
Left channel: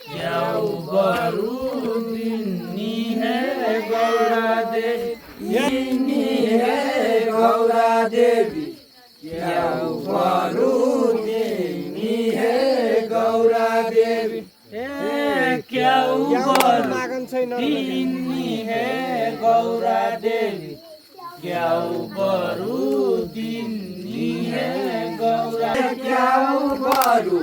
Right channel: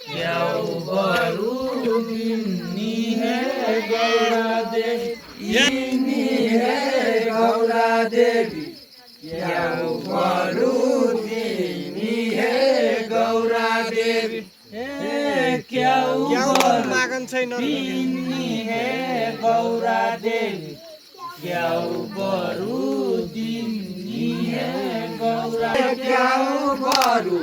क्याउ गरु दिन्नी हे गौरा देवी दिन्नी हे गौरा देवी क्याउ गरु दिन्नी हे गौरा देवी क्याउ गरु मागन छैन दिन्नी हे गौरा देवी क्याउ गरु दिन्नी हे गौरा क्याउ गरु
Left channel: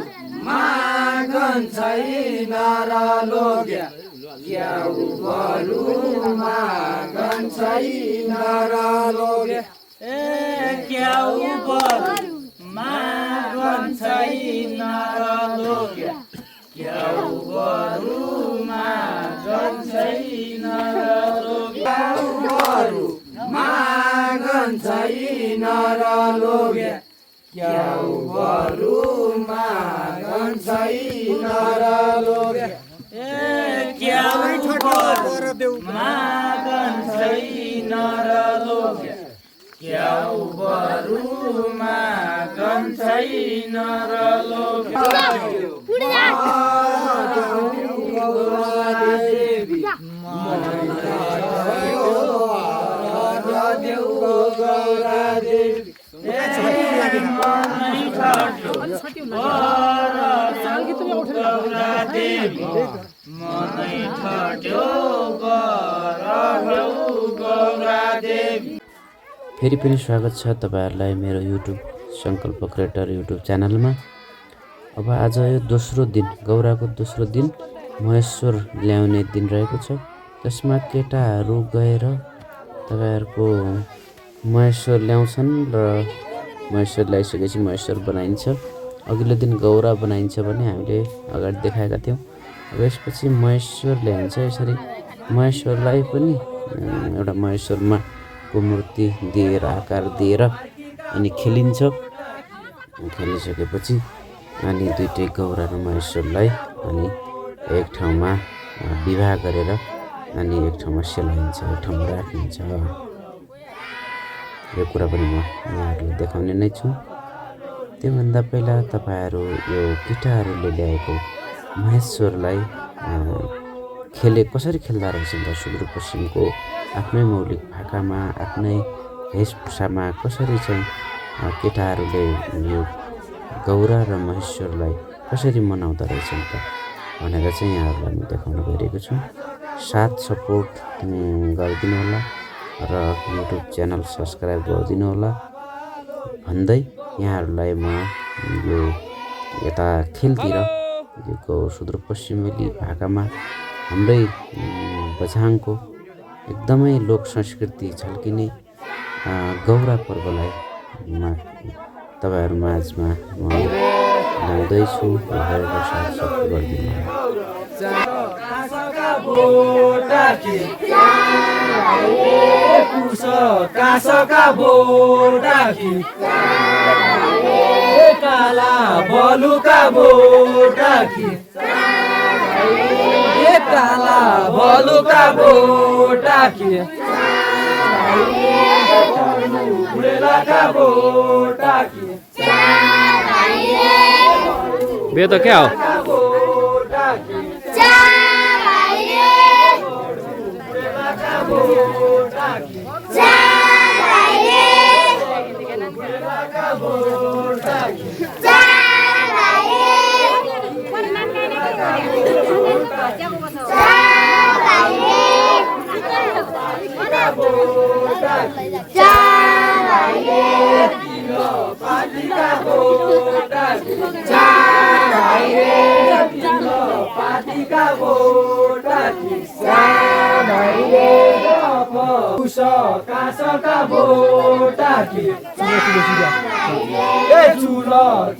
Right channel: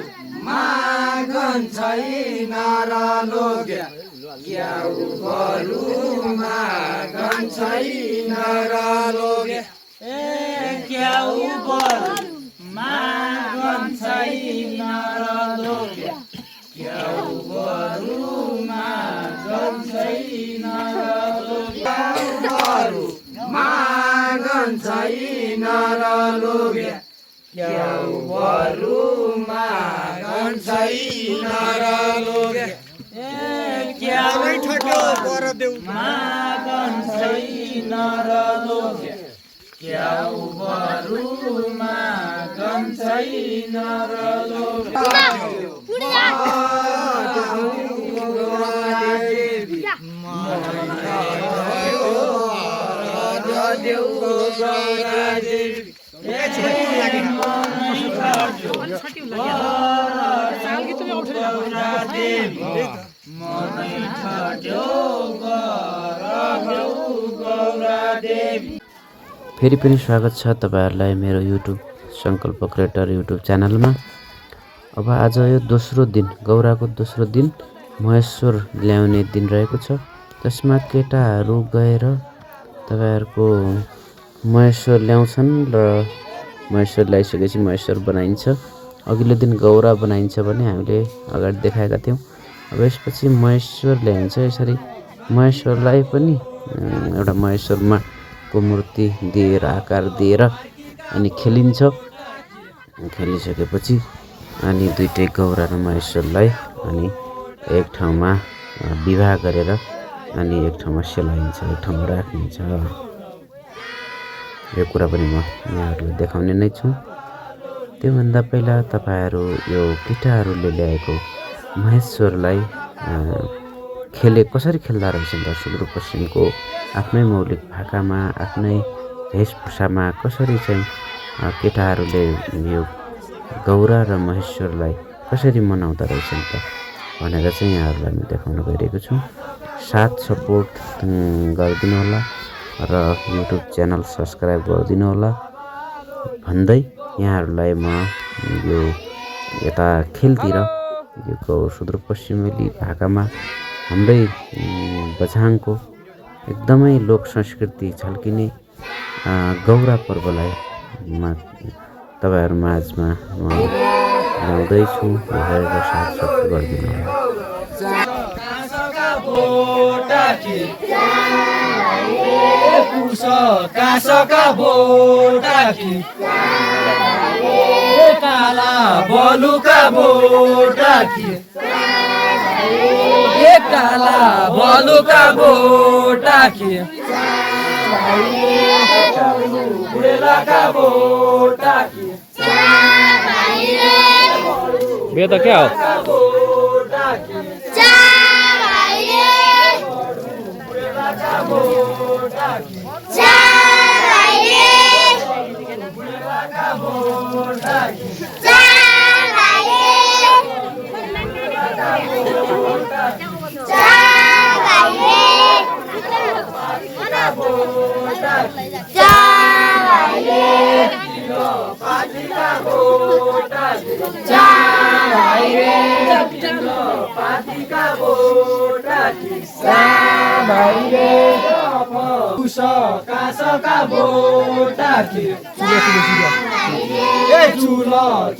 मागन छैन र लोग्या क्याउ गरु मागन छैन र लोग्या क्याउ गरु मागन छैन र लोग्या क्याउ बरुमा गन छैन र लोके क्याउ मागन छैन र लोके क्याउ बरुमा गन छैन र लोके फेरि पनि स्वागत छ तपाईँहरूलाई मेरो युट्युब सङ्कल्प क्रिएटर युट्युब च्यानलमा। अब आज यो दोस्रो दिन, गौराको दोस्रो दिन महेश्वर ल्याउने दिन रहेको छ। त्यसमा केटाहरू गएर तपाईँहरूको महेश्वर ल्याउँछन् र महेश्वर ल्याइसकेपछि महेश्वर बनाइन्छ। अघिल्लो दिन गौरा बनाइन्छ भने हामीले अगाडि देखाएका थियौँ। अब यसपछि महेश्वर ल्याइन्छ। यसरी महेश्वरलाई पनि एउटा महेश्वरमा को मूर्ति दिएर आकार दिएर अनि खेलिन्छ। खेलिसकेपछि अनि दुईटै गौरा र महेश्वरलाई अनि एक ठाउँमा विवाह गरेर अनि एक ठाउँमा सेलाइन्छ, एक ठाउँमा राखिन्छ। यो कुरा पनि म यहाँहरूलाई देखाउने नै छु। त्योभन्दा पहिला तपाईँहरू यो केटाहरूले ल्याएको महेश्वरलाई कसरी खेल्दा रहेछन् त सुदूरपश्चिमको आफ्नै मौलिक भाकामा, आफ्नै वेशभूषामा कसरी चाहिँ केटाहरूले यो गौरा र महेश्वरलाई कसरी मनाउँदा रहेछन् त भनेर चाहिँ यहाँहरूलाई म देखाउन गइरहेको छु। साथ सपोर्ट गरिदिनु होला र युट्युब च्यानल सब्सक्राइब गरिदिनु होला भन्दै यहाँहरूलाई म यो यता खेलतिर यो सुदूरपश्चिमेली भाकामा हाम्रै बझाङको एकदमै लोक संस्कृति झल्किने गौरा पर्वलाई तपाईँहरू माझमा म ल्याउँदैछु। हेरेर साथ सपोर्ट गरिदिनु होला। कासका बोटाकी काला बलुका बोटाकी काला बलुका बोटाकी बुढेलाका बोटाकी बे त क्या हो? कासका बोटाकी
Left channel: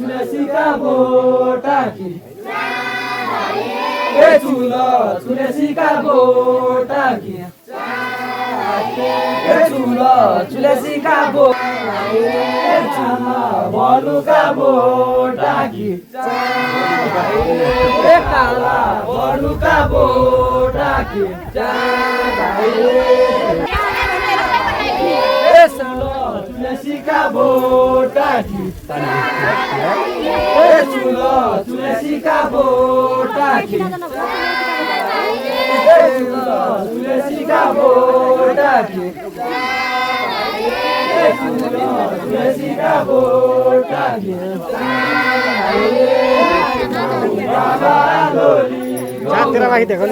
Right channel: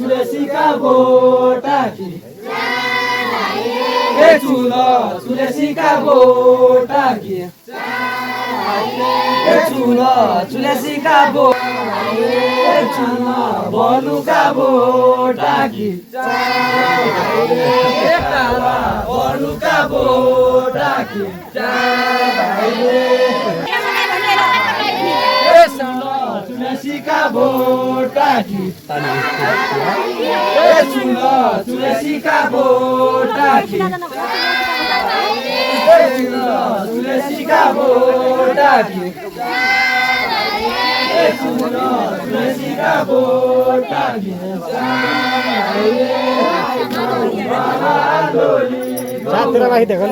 तुलसीका बोटाकी तुलसीका बोटाकी तुलसीका बलुका बोटाकी काला बलुका बोटाकी तुलसीका बोटाकी तुलसीका बोटाकी तुलसीका बोटाकी तुलसीका बोटाकी तेरा भाई देखो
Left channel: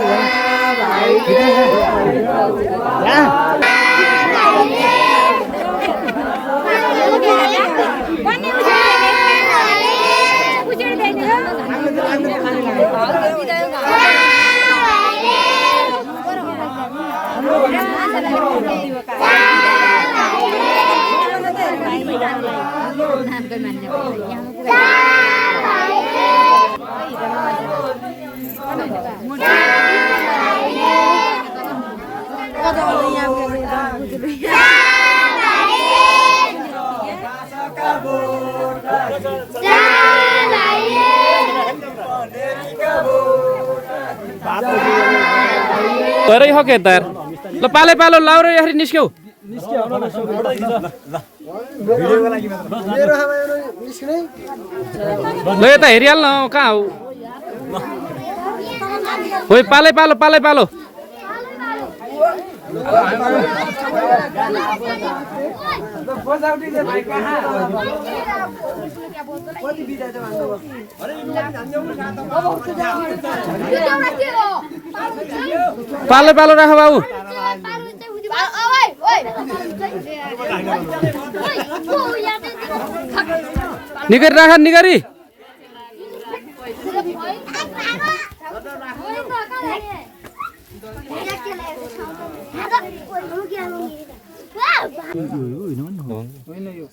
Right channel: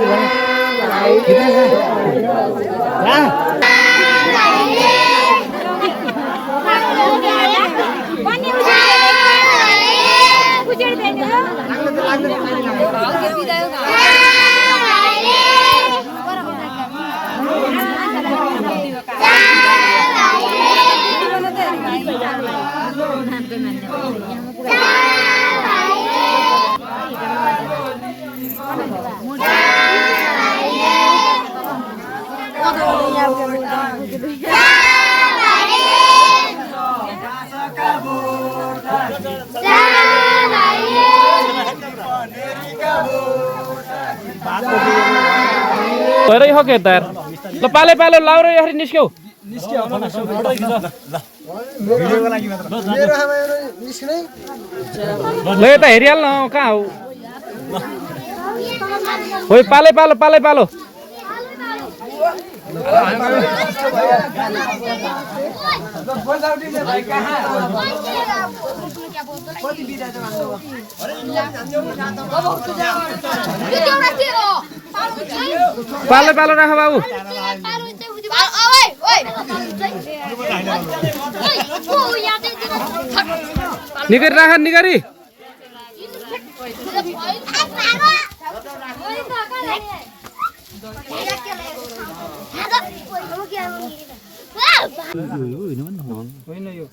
भएरै हो के तार ल पाले पालो लाउ र यसरी निस्क्यौ ल यता हेरिहाल्न कहाँ हो ओइ पाले पालो पाले पालो पालो पालो राख बाबु निगरी राख निगरी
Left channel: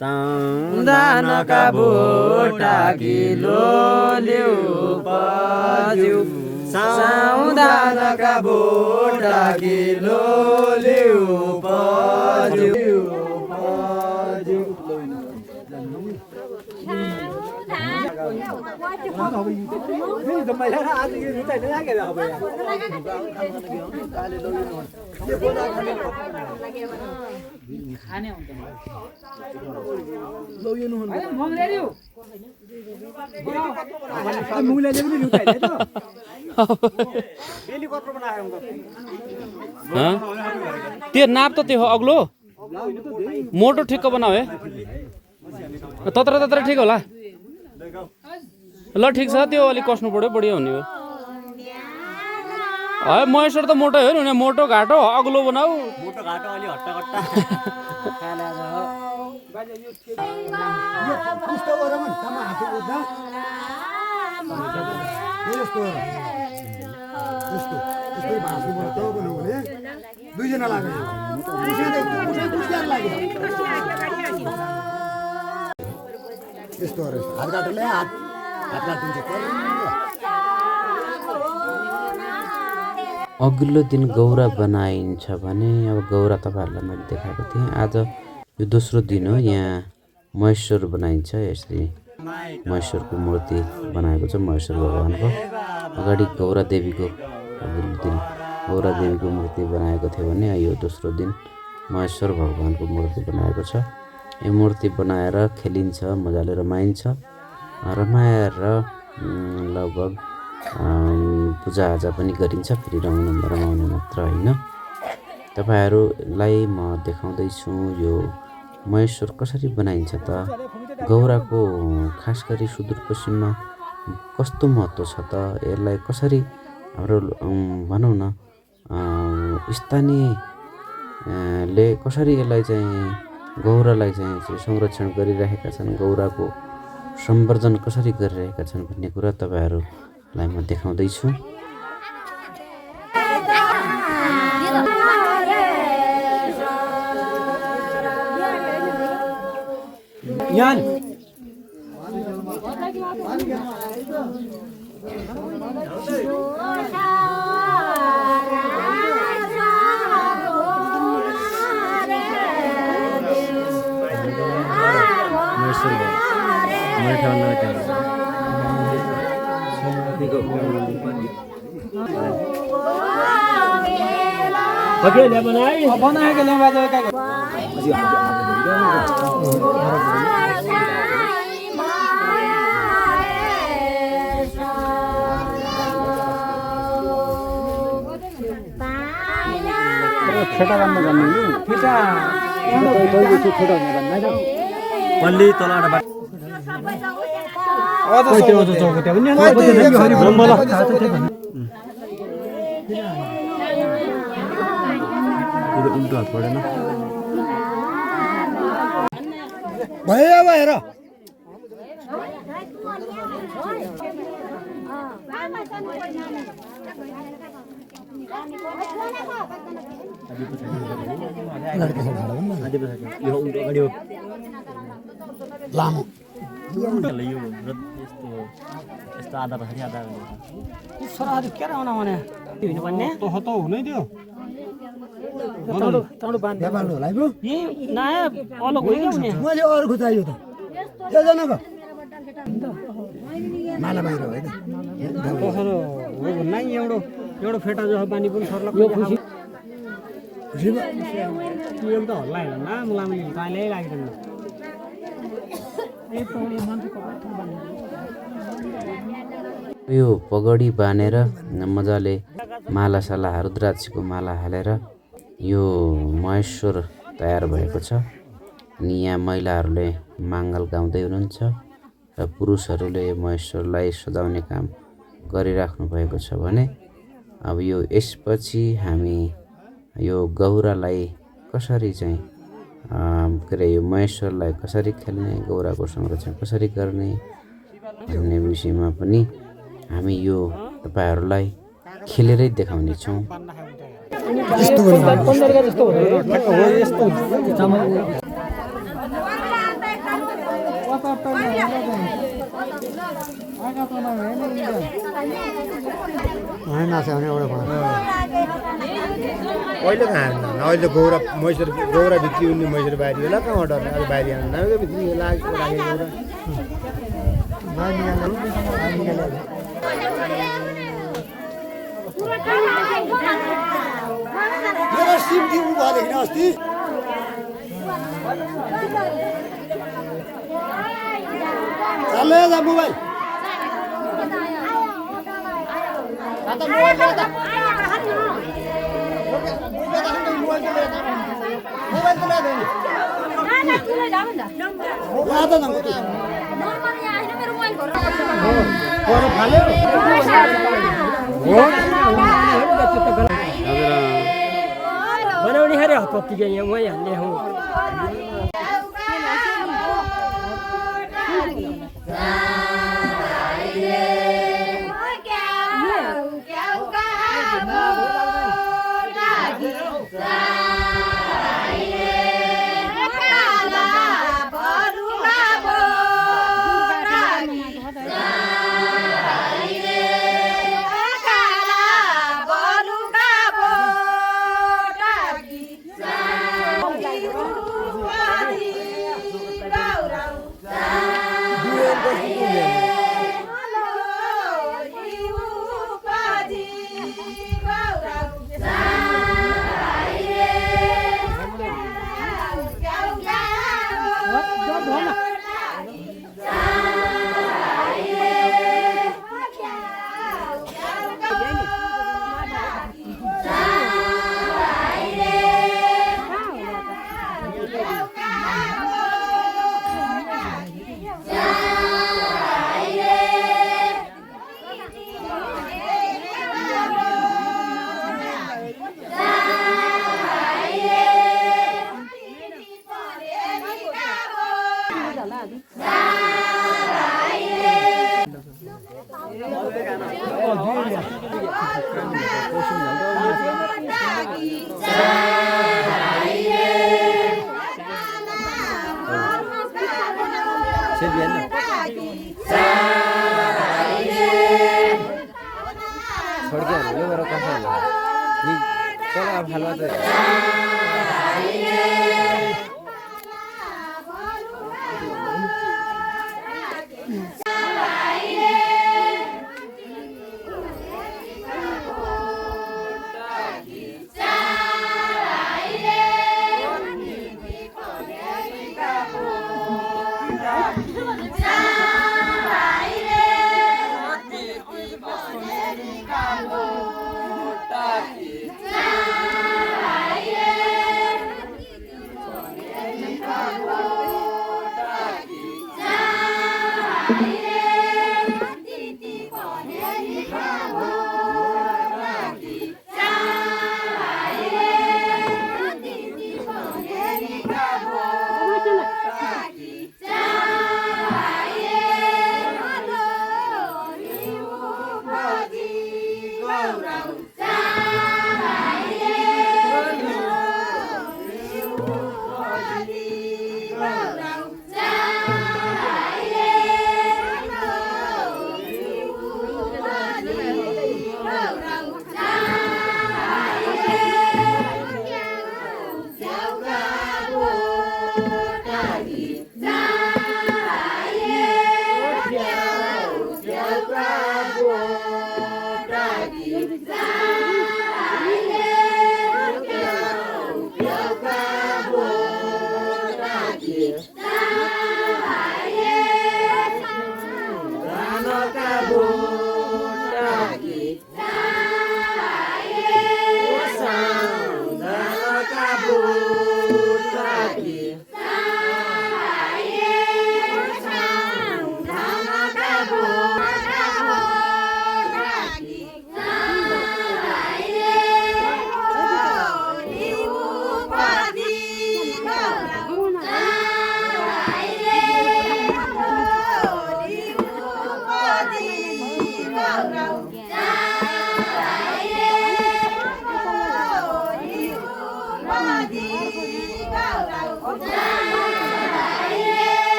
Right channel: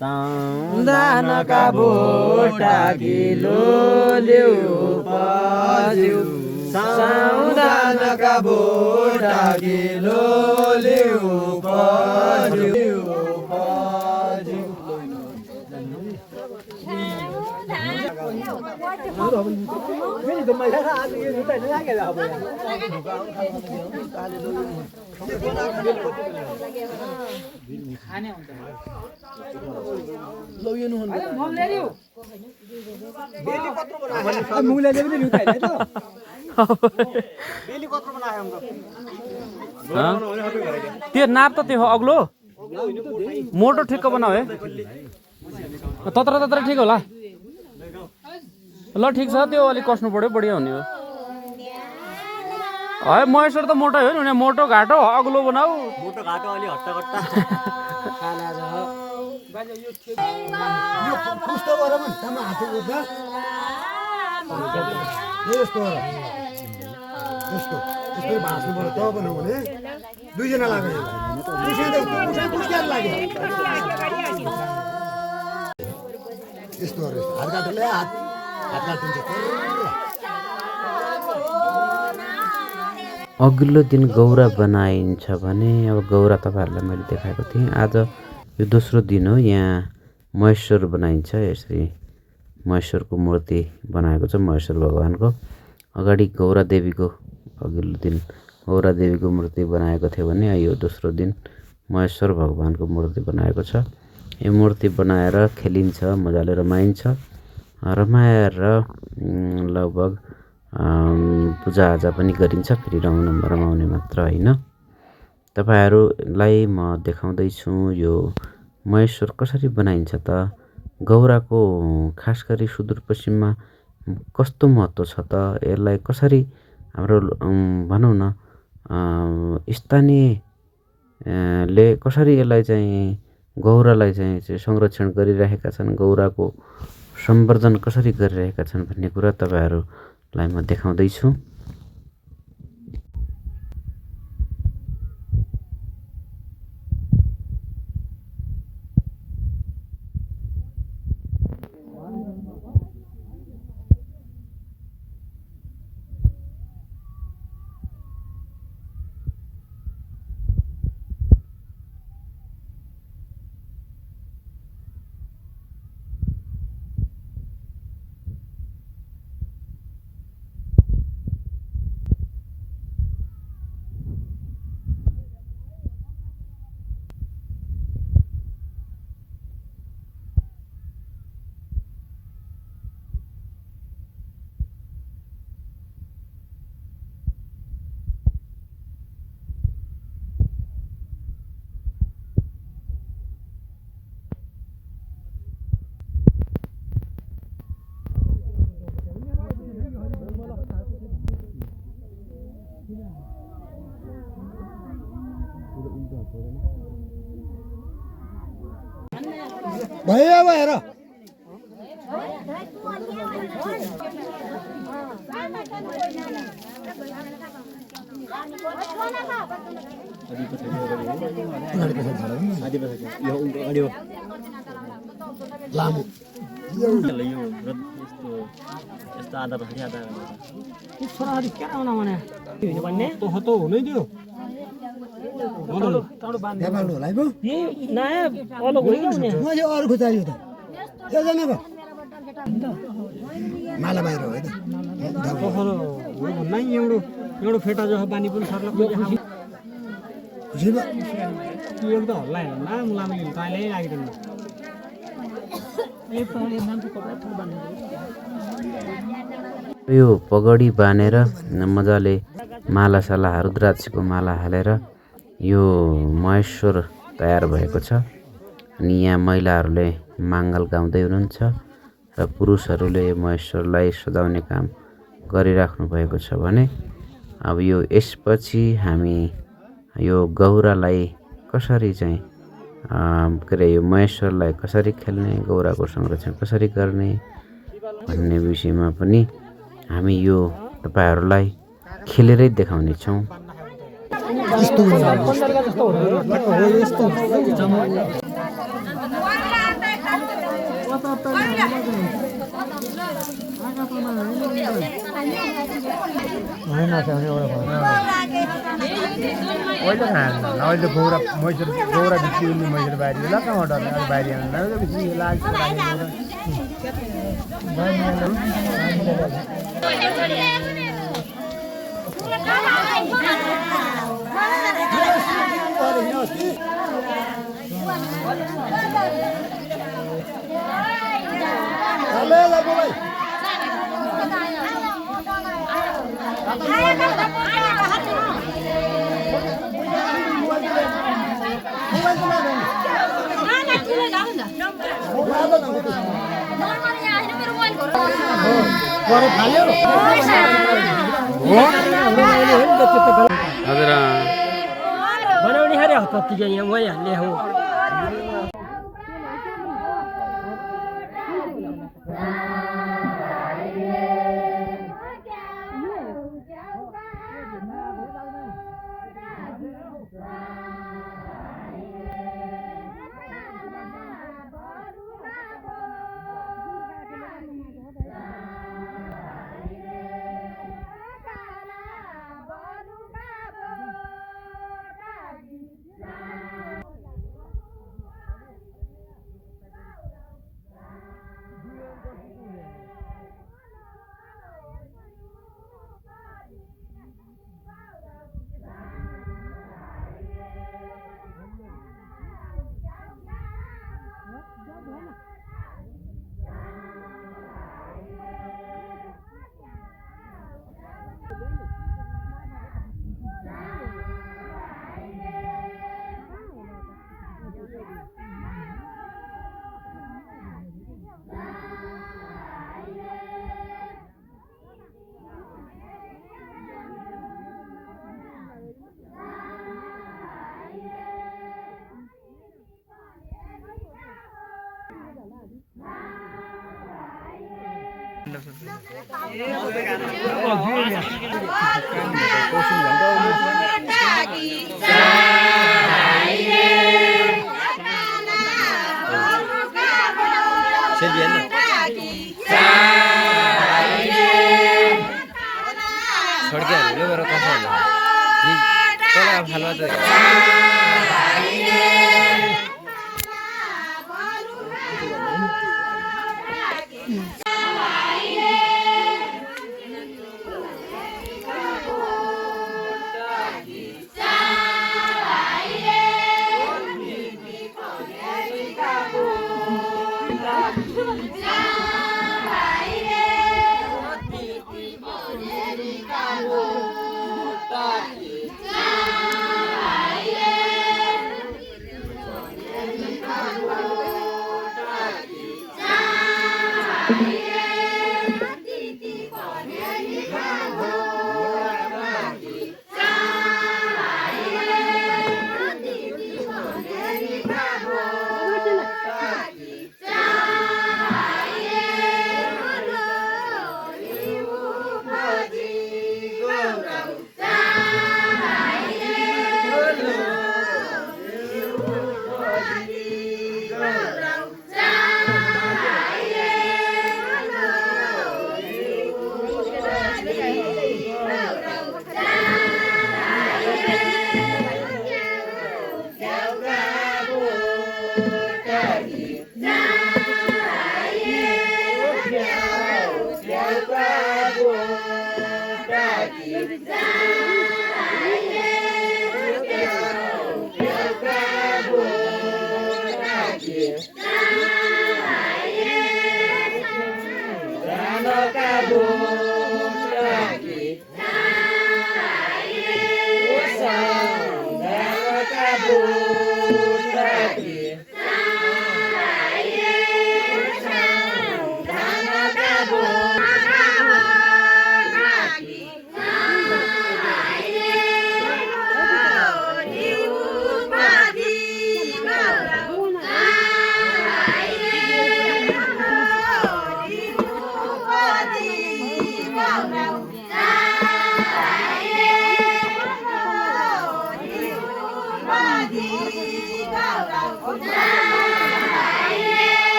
साउदानका बोटा गिलो ल्याउ बज्यौ साउदानका बोटा गिलो ल्याउ बज्यौ त्यो नाप त त्यो हो अग्लो मोटो ठिक्क बनाऊ है तत्र तत्र ठिक होला ल ठिक छ त्यो अलिक कस्नु पर्यो बढिया हुने हो है महेश्वर त मोटो हो नि मोटो घाटो अग्लो बनाऊ मोटो घाटो अलि हट्टा दुईजना लाग्यो यस्तोहरू हात काटेर हात काटिन्छ अघिल्लो दिन गौरा बनाइन्छ भने अब गौरा तपाईँहरूलाई मैले देखाएको थिएँ आज यो दोस्रो दिन हो यहाँ महेश्वर बनाइन्छ यसरी महेश्वरको मूर्ति बनाएको छ महेश्वर भगवानको अगाडि गौरा देवीको अघिल्लो दिन गौरा देवीको मूर्ति बनाएको थियो भने यो दोस्रो दिन महेश्वर भगवानको मूर्ति बनाएको छ यो मूर्ति बनाएर खेलिन्छ मजाले रमाइन्छ रमाएर लगभग पूजाआजा पनि गरिन्छ फेरि रमाउने मात्र होइन तपाईँहरूलाई म देखाउँदैछु यो महेश्वर कसरी बनाइन्छ त गौराको खास गरी सुदूरपश्चिममा कस्तो महत्त्व छ त यसलाई कसरी हाम्रो भनौँ न स्थानीयले कसरी यसलाई चाहिँ गौरालाई चाहिँ संरक्षण गरिरहेका छन् गौराको संवर्धन कसरी गरिरहेका छन् भन्ने कुरा तपाईँहरूलाई म देखाउँदैछु भयो अब हेर मैले अरू खोज्यो त माला बाहिर हो है त एउटा फेटा जस्तो बानी पनि सर्ला खुसी भयो त्यो त हल्ला हेर्नु न मुलामा ताले लागिदैन यो पगडी बाँधेर मजाले मालासाला रुद्राक्षको माला हालेर यो महेश्वर तयार भएको छ। अनि यहाँ महिलाहरूले माङ्गल गाउँदै हुनुहुन्छ र पुरुषहरूले महेश्वरलाई सजाउने काम गरिराख्नु भएको छ भने अब यो यसपछि हामी यो गौरालाई कसरी चाहिँ के अरे यो महेश्वरलाई कसरी खेल्ने, गौराको संरक्षण कसरी गर्ने भन्ने विषयमा पनि हामी यो तपाईहरूलाई खेलेरै देखाउने छौँ। अहिले खाएन अहिले गौरा महेश्वर गौरा भित्री उनी महेश्वर बाहिर ल कहाँ डर्ने अहिले बाहिर आउनु भित्री लाग्छ बनाउने हेर पत्ती यहाँ मै हाल्ने हो Thank you.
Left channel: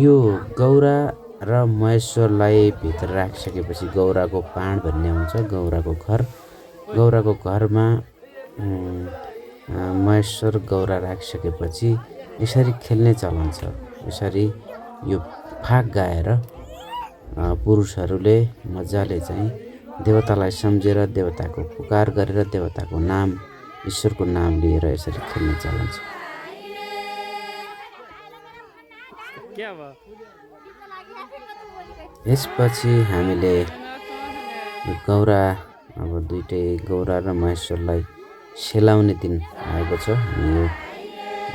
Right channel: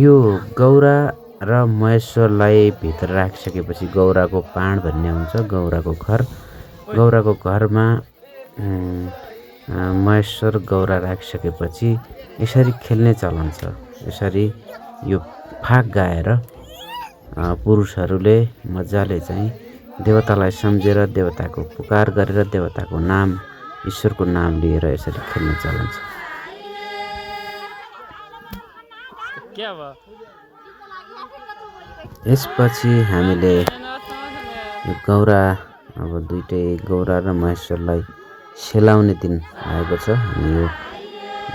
यो गौरा र महेश्वरलाई भित्र राखिसकेपछि गौराको पाण भन्ने हुन्छ, गौराको घर। गौराको घरमा महेश्वर गौरा राखिसकेपछि यसरी खेल्ने चलन छ। यसरी यो फाग गाएर पुरुषहरूले मजाले चाहिँ देवतालाई सम्झेर, देवताको पुकार गरेर, देवताको नाम, ईश्वरको नाम लिएर यसरी खेल्ने चलन छ। यसपछि हामीले यो गौरा, अब दुईटै गौरा र महेश्वरलाई सेलाउने दिन आएको छ। अनि यो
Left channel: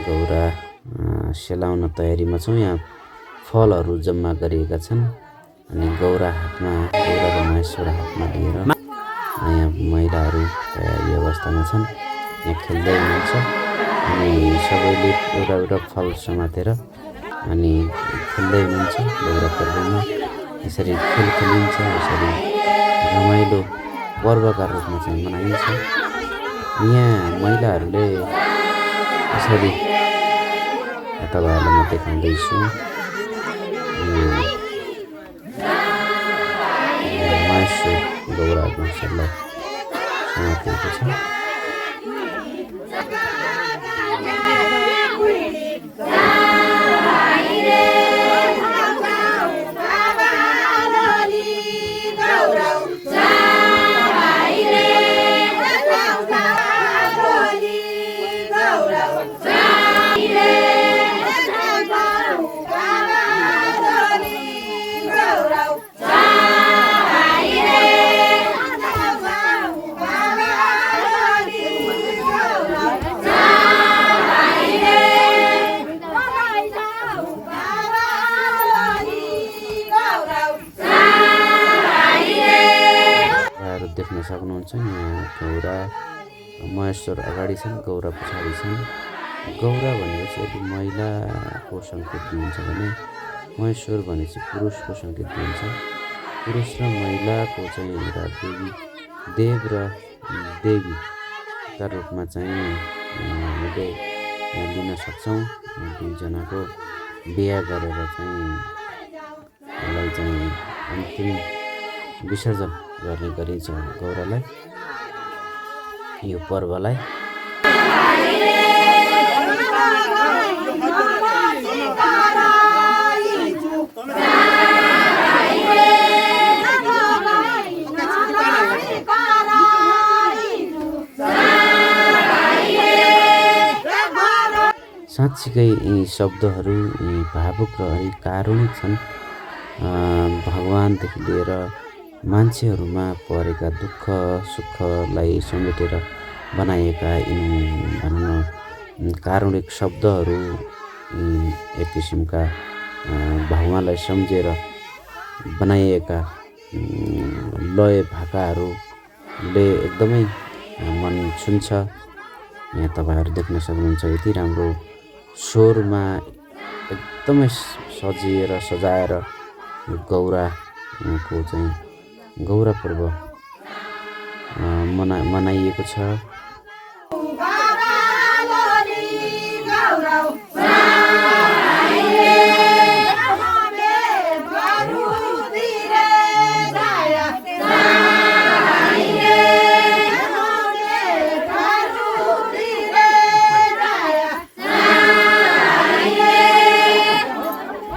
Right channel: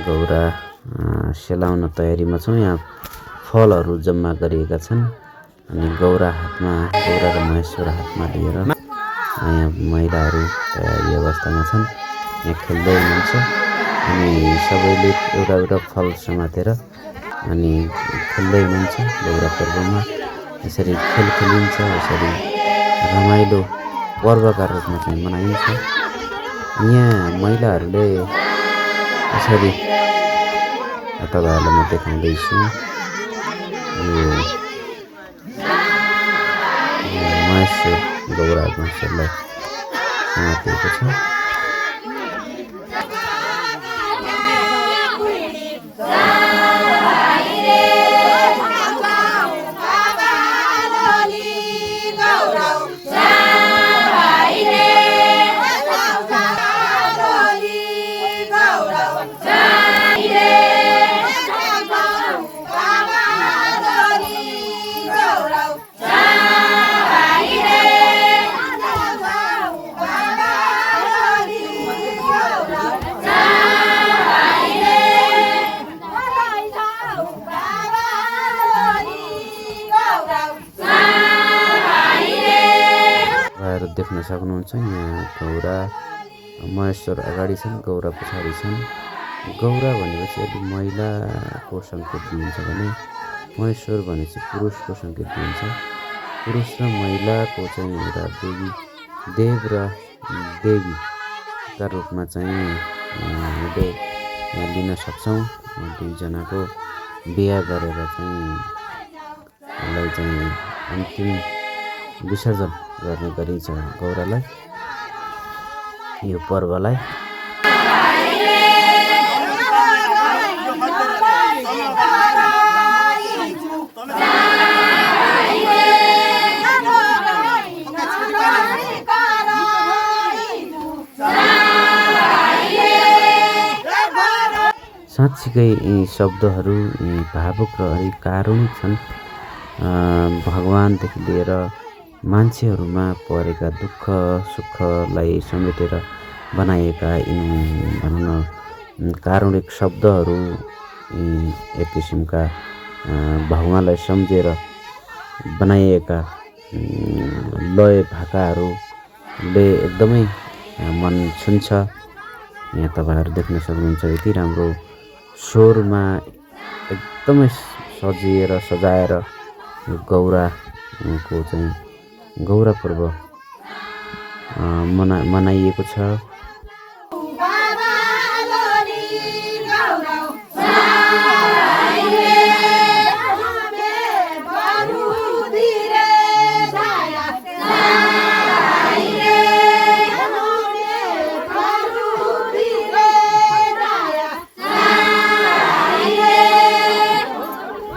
गौरा सेलाउन तयारीमा छौँ। यहाँ फलहरू जम्मा गरिएका छन्। अनि गौरा र महेश्वर हातमा लिएर यहाँ महिलाहरू तयारी अवस्थामा छन्। यहाँ खेल्दै हुनुहुन्छ। अनि सबैले एउटा एउटा फल समातेर अनि खेल्दै हुनुहुन्छ। गौरा पर्वमा यसरी खेल खेलिन्छ, यसरी रमाइलो पर्वका रूपमा चाहिँ मनाइन्छ। यहाँ महिलाहरूले यसरी तपाईँहरूलाई म देखाउँदैछु, यो महेश्वर गौरा महेश्वरलाई समातेको छ। सक्नुहुन्छ। यहाँ गौरा महेश्वर अगाडि छन्, गौरा पछाडि छन्। गौरा भनेपछि यदि महिलाको सङ्केत दिन्छ भने महेश्वर भनेपछि पुरुषको सङ्केत दिन्छ। पुरुष र महिलाको चाहिँ एउटा देव र देवीका रूपमा चाहिँ हामीले लिन सक्छौँ। दुईजनाको बिहा गरेर चाहिँ यसलाई चाहिँ अन्तिम विसर्जन गर्ने गरिन्छ गौरालाई, यो पर्वलाई। साँच्चीकै यी शब्दहरू भावुक र अलिक कारुणिक छन्। भगवानदेखि लिएर मान्छेहरूमा परेका दुःख सुखलाई समेटेर बनाएका यिनी भनौँ न कारुणिक शब्दहरू, एक किसिमका भगवानलाई सम्झेर बनाइएका लय भाकाहरूले एकदमै मन छुन्छ। यहाँ तपाईँहरू देख्न सक्नुहुन्छ यति राम्रो स्वरमा एकदमै सजिएर सजाएर यो गौराको चाहिँ गौरा पर्व मनाइएको छ।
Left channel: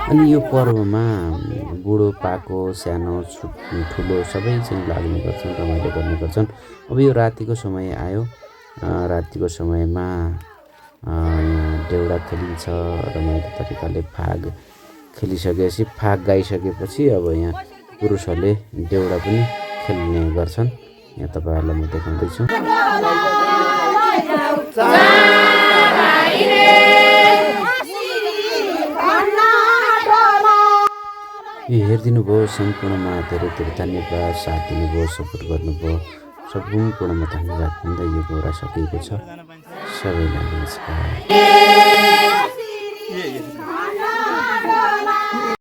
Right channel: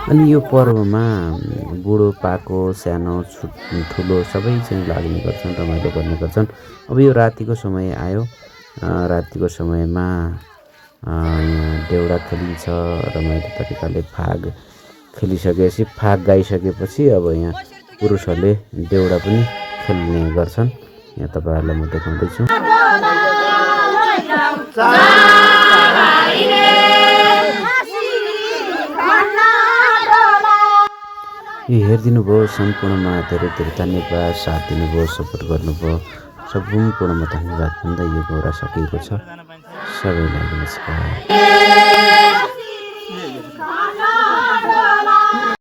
अनि यो पर्वमा बुढोपाको सानो ठुलो सबै चाहिँ लाग्ने गर्छन्, रमाइलो गर्ने गर्छन्। अब यो रातिको समय आयो, रातिको समयमा यहाँ देउडा खेलिन्छ रमाइलो तरिकाले। फाग खेलिसकेपछि फाग गाइसकेपछि अब यहाँ पुरुषहरूले देउडा पनि खेल्ने गर्छन्। यहाँ तपाईँहरूलाई म देखाउँदैछु। यो हेरिदिनु भयो सम्पूर्णमा धेरै धेरै धन्यवाद। साथ दिनुभयो, सपोर्ट गर्नुभयो, सम्पूर्णमा धन्यवाद भन्दै यो गौरा सकिएको छ। सबैलाई नमस्कार।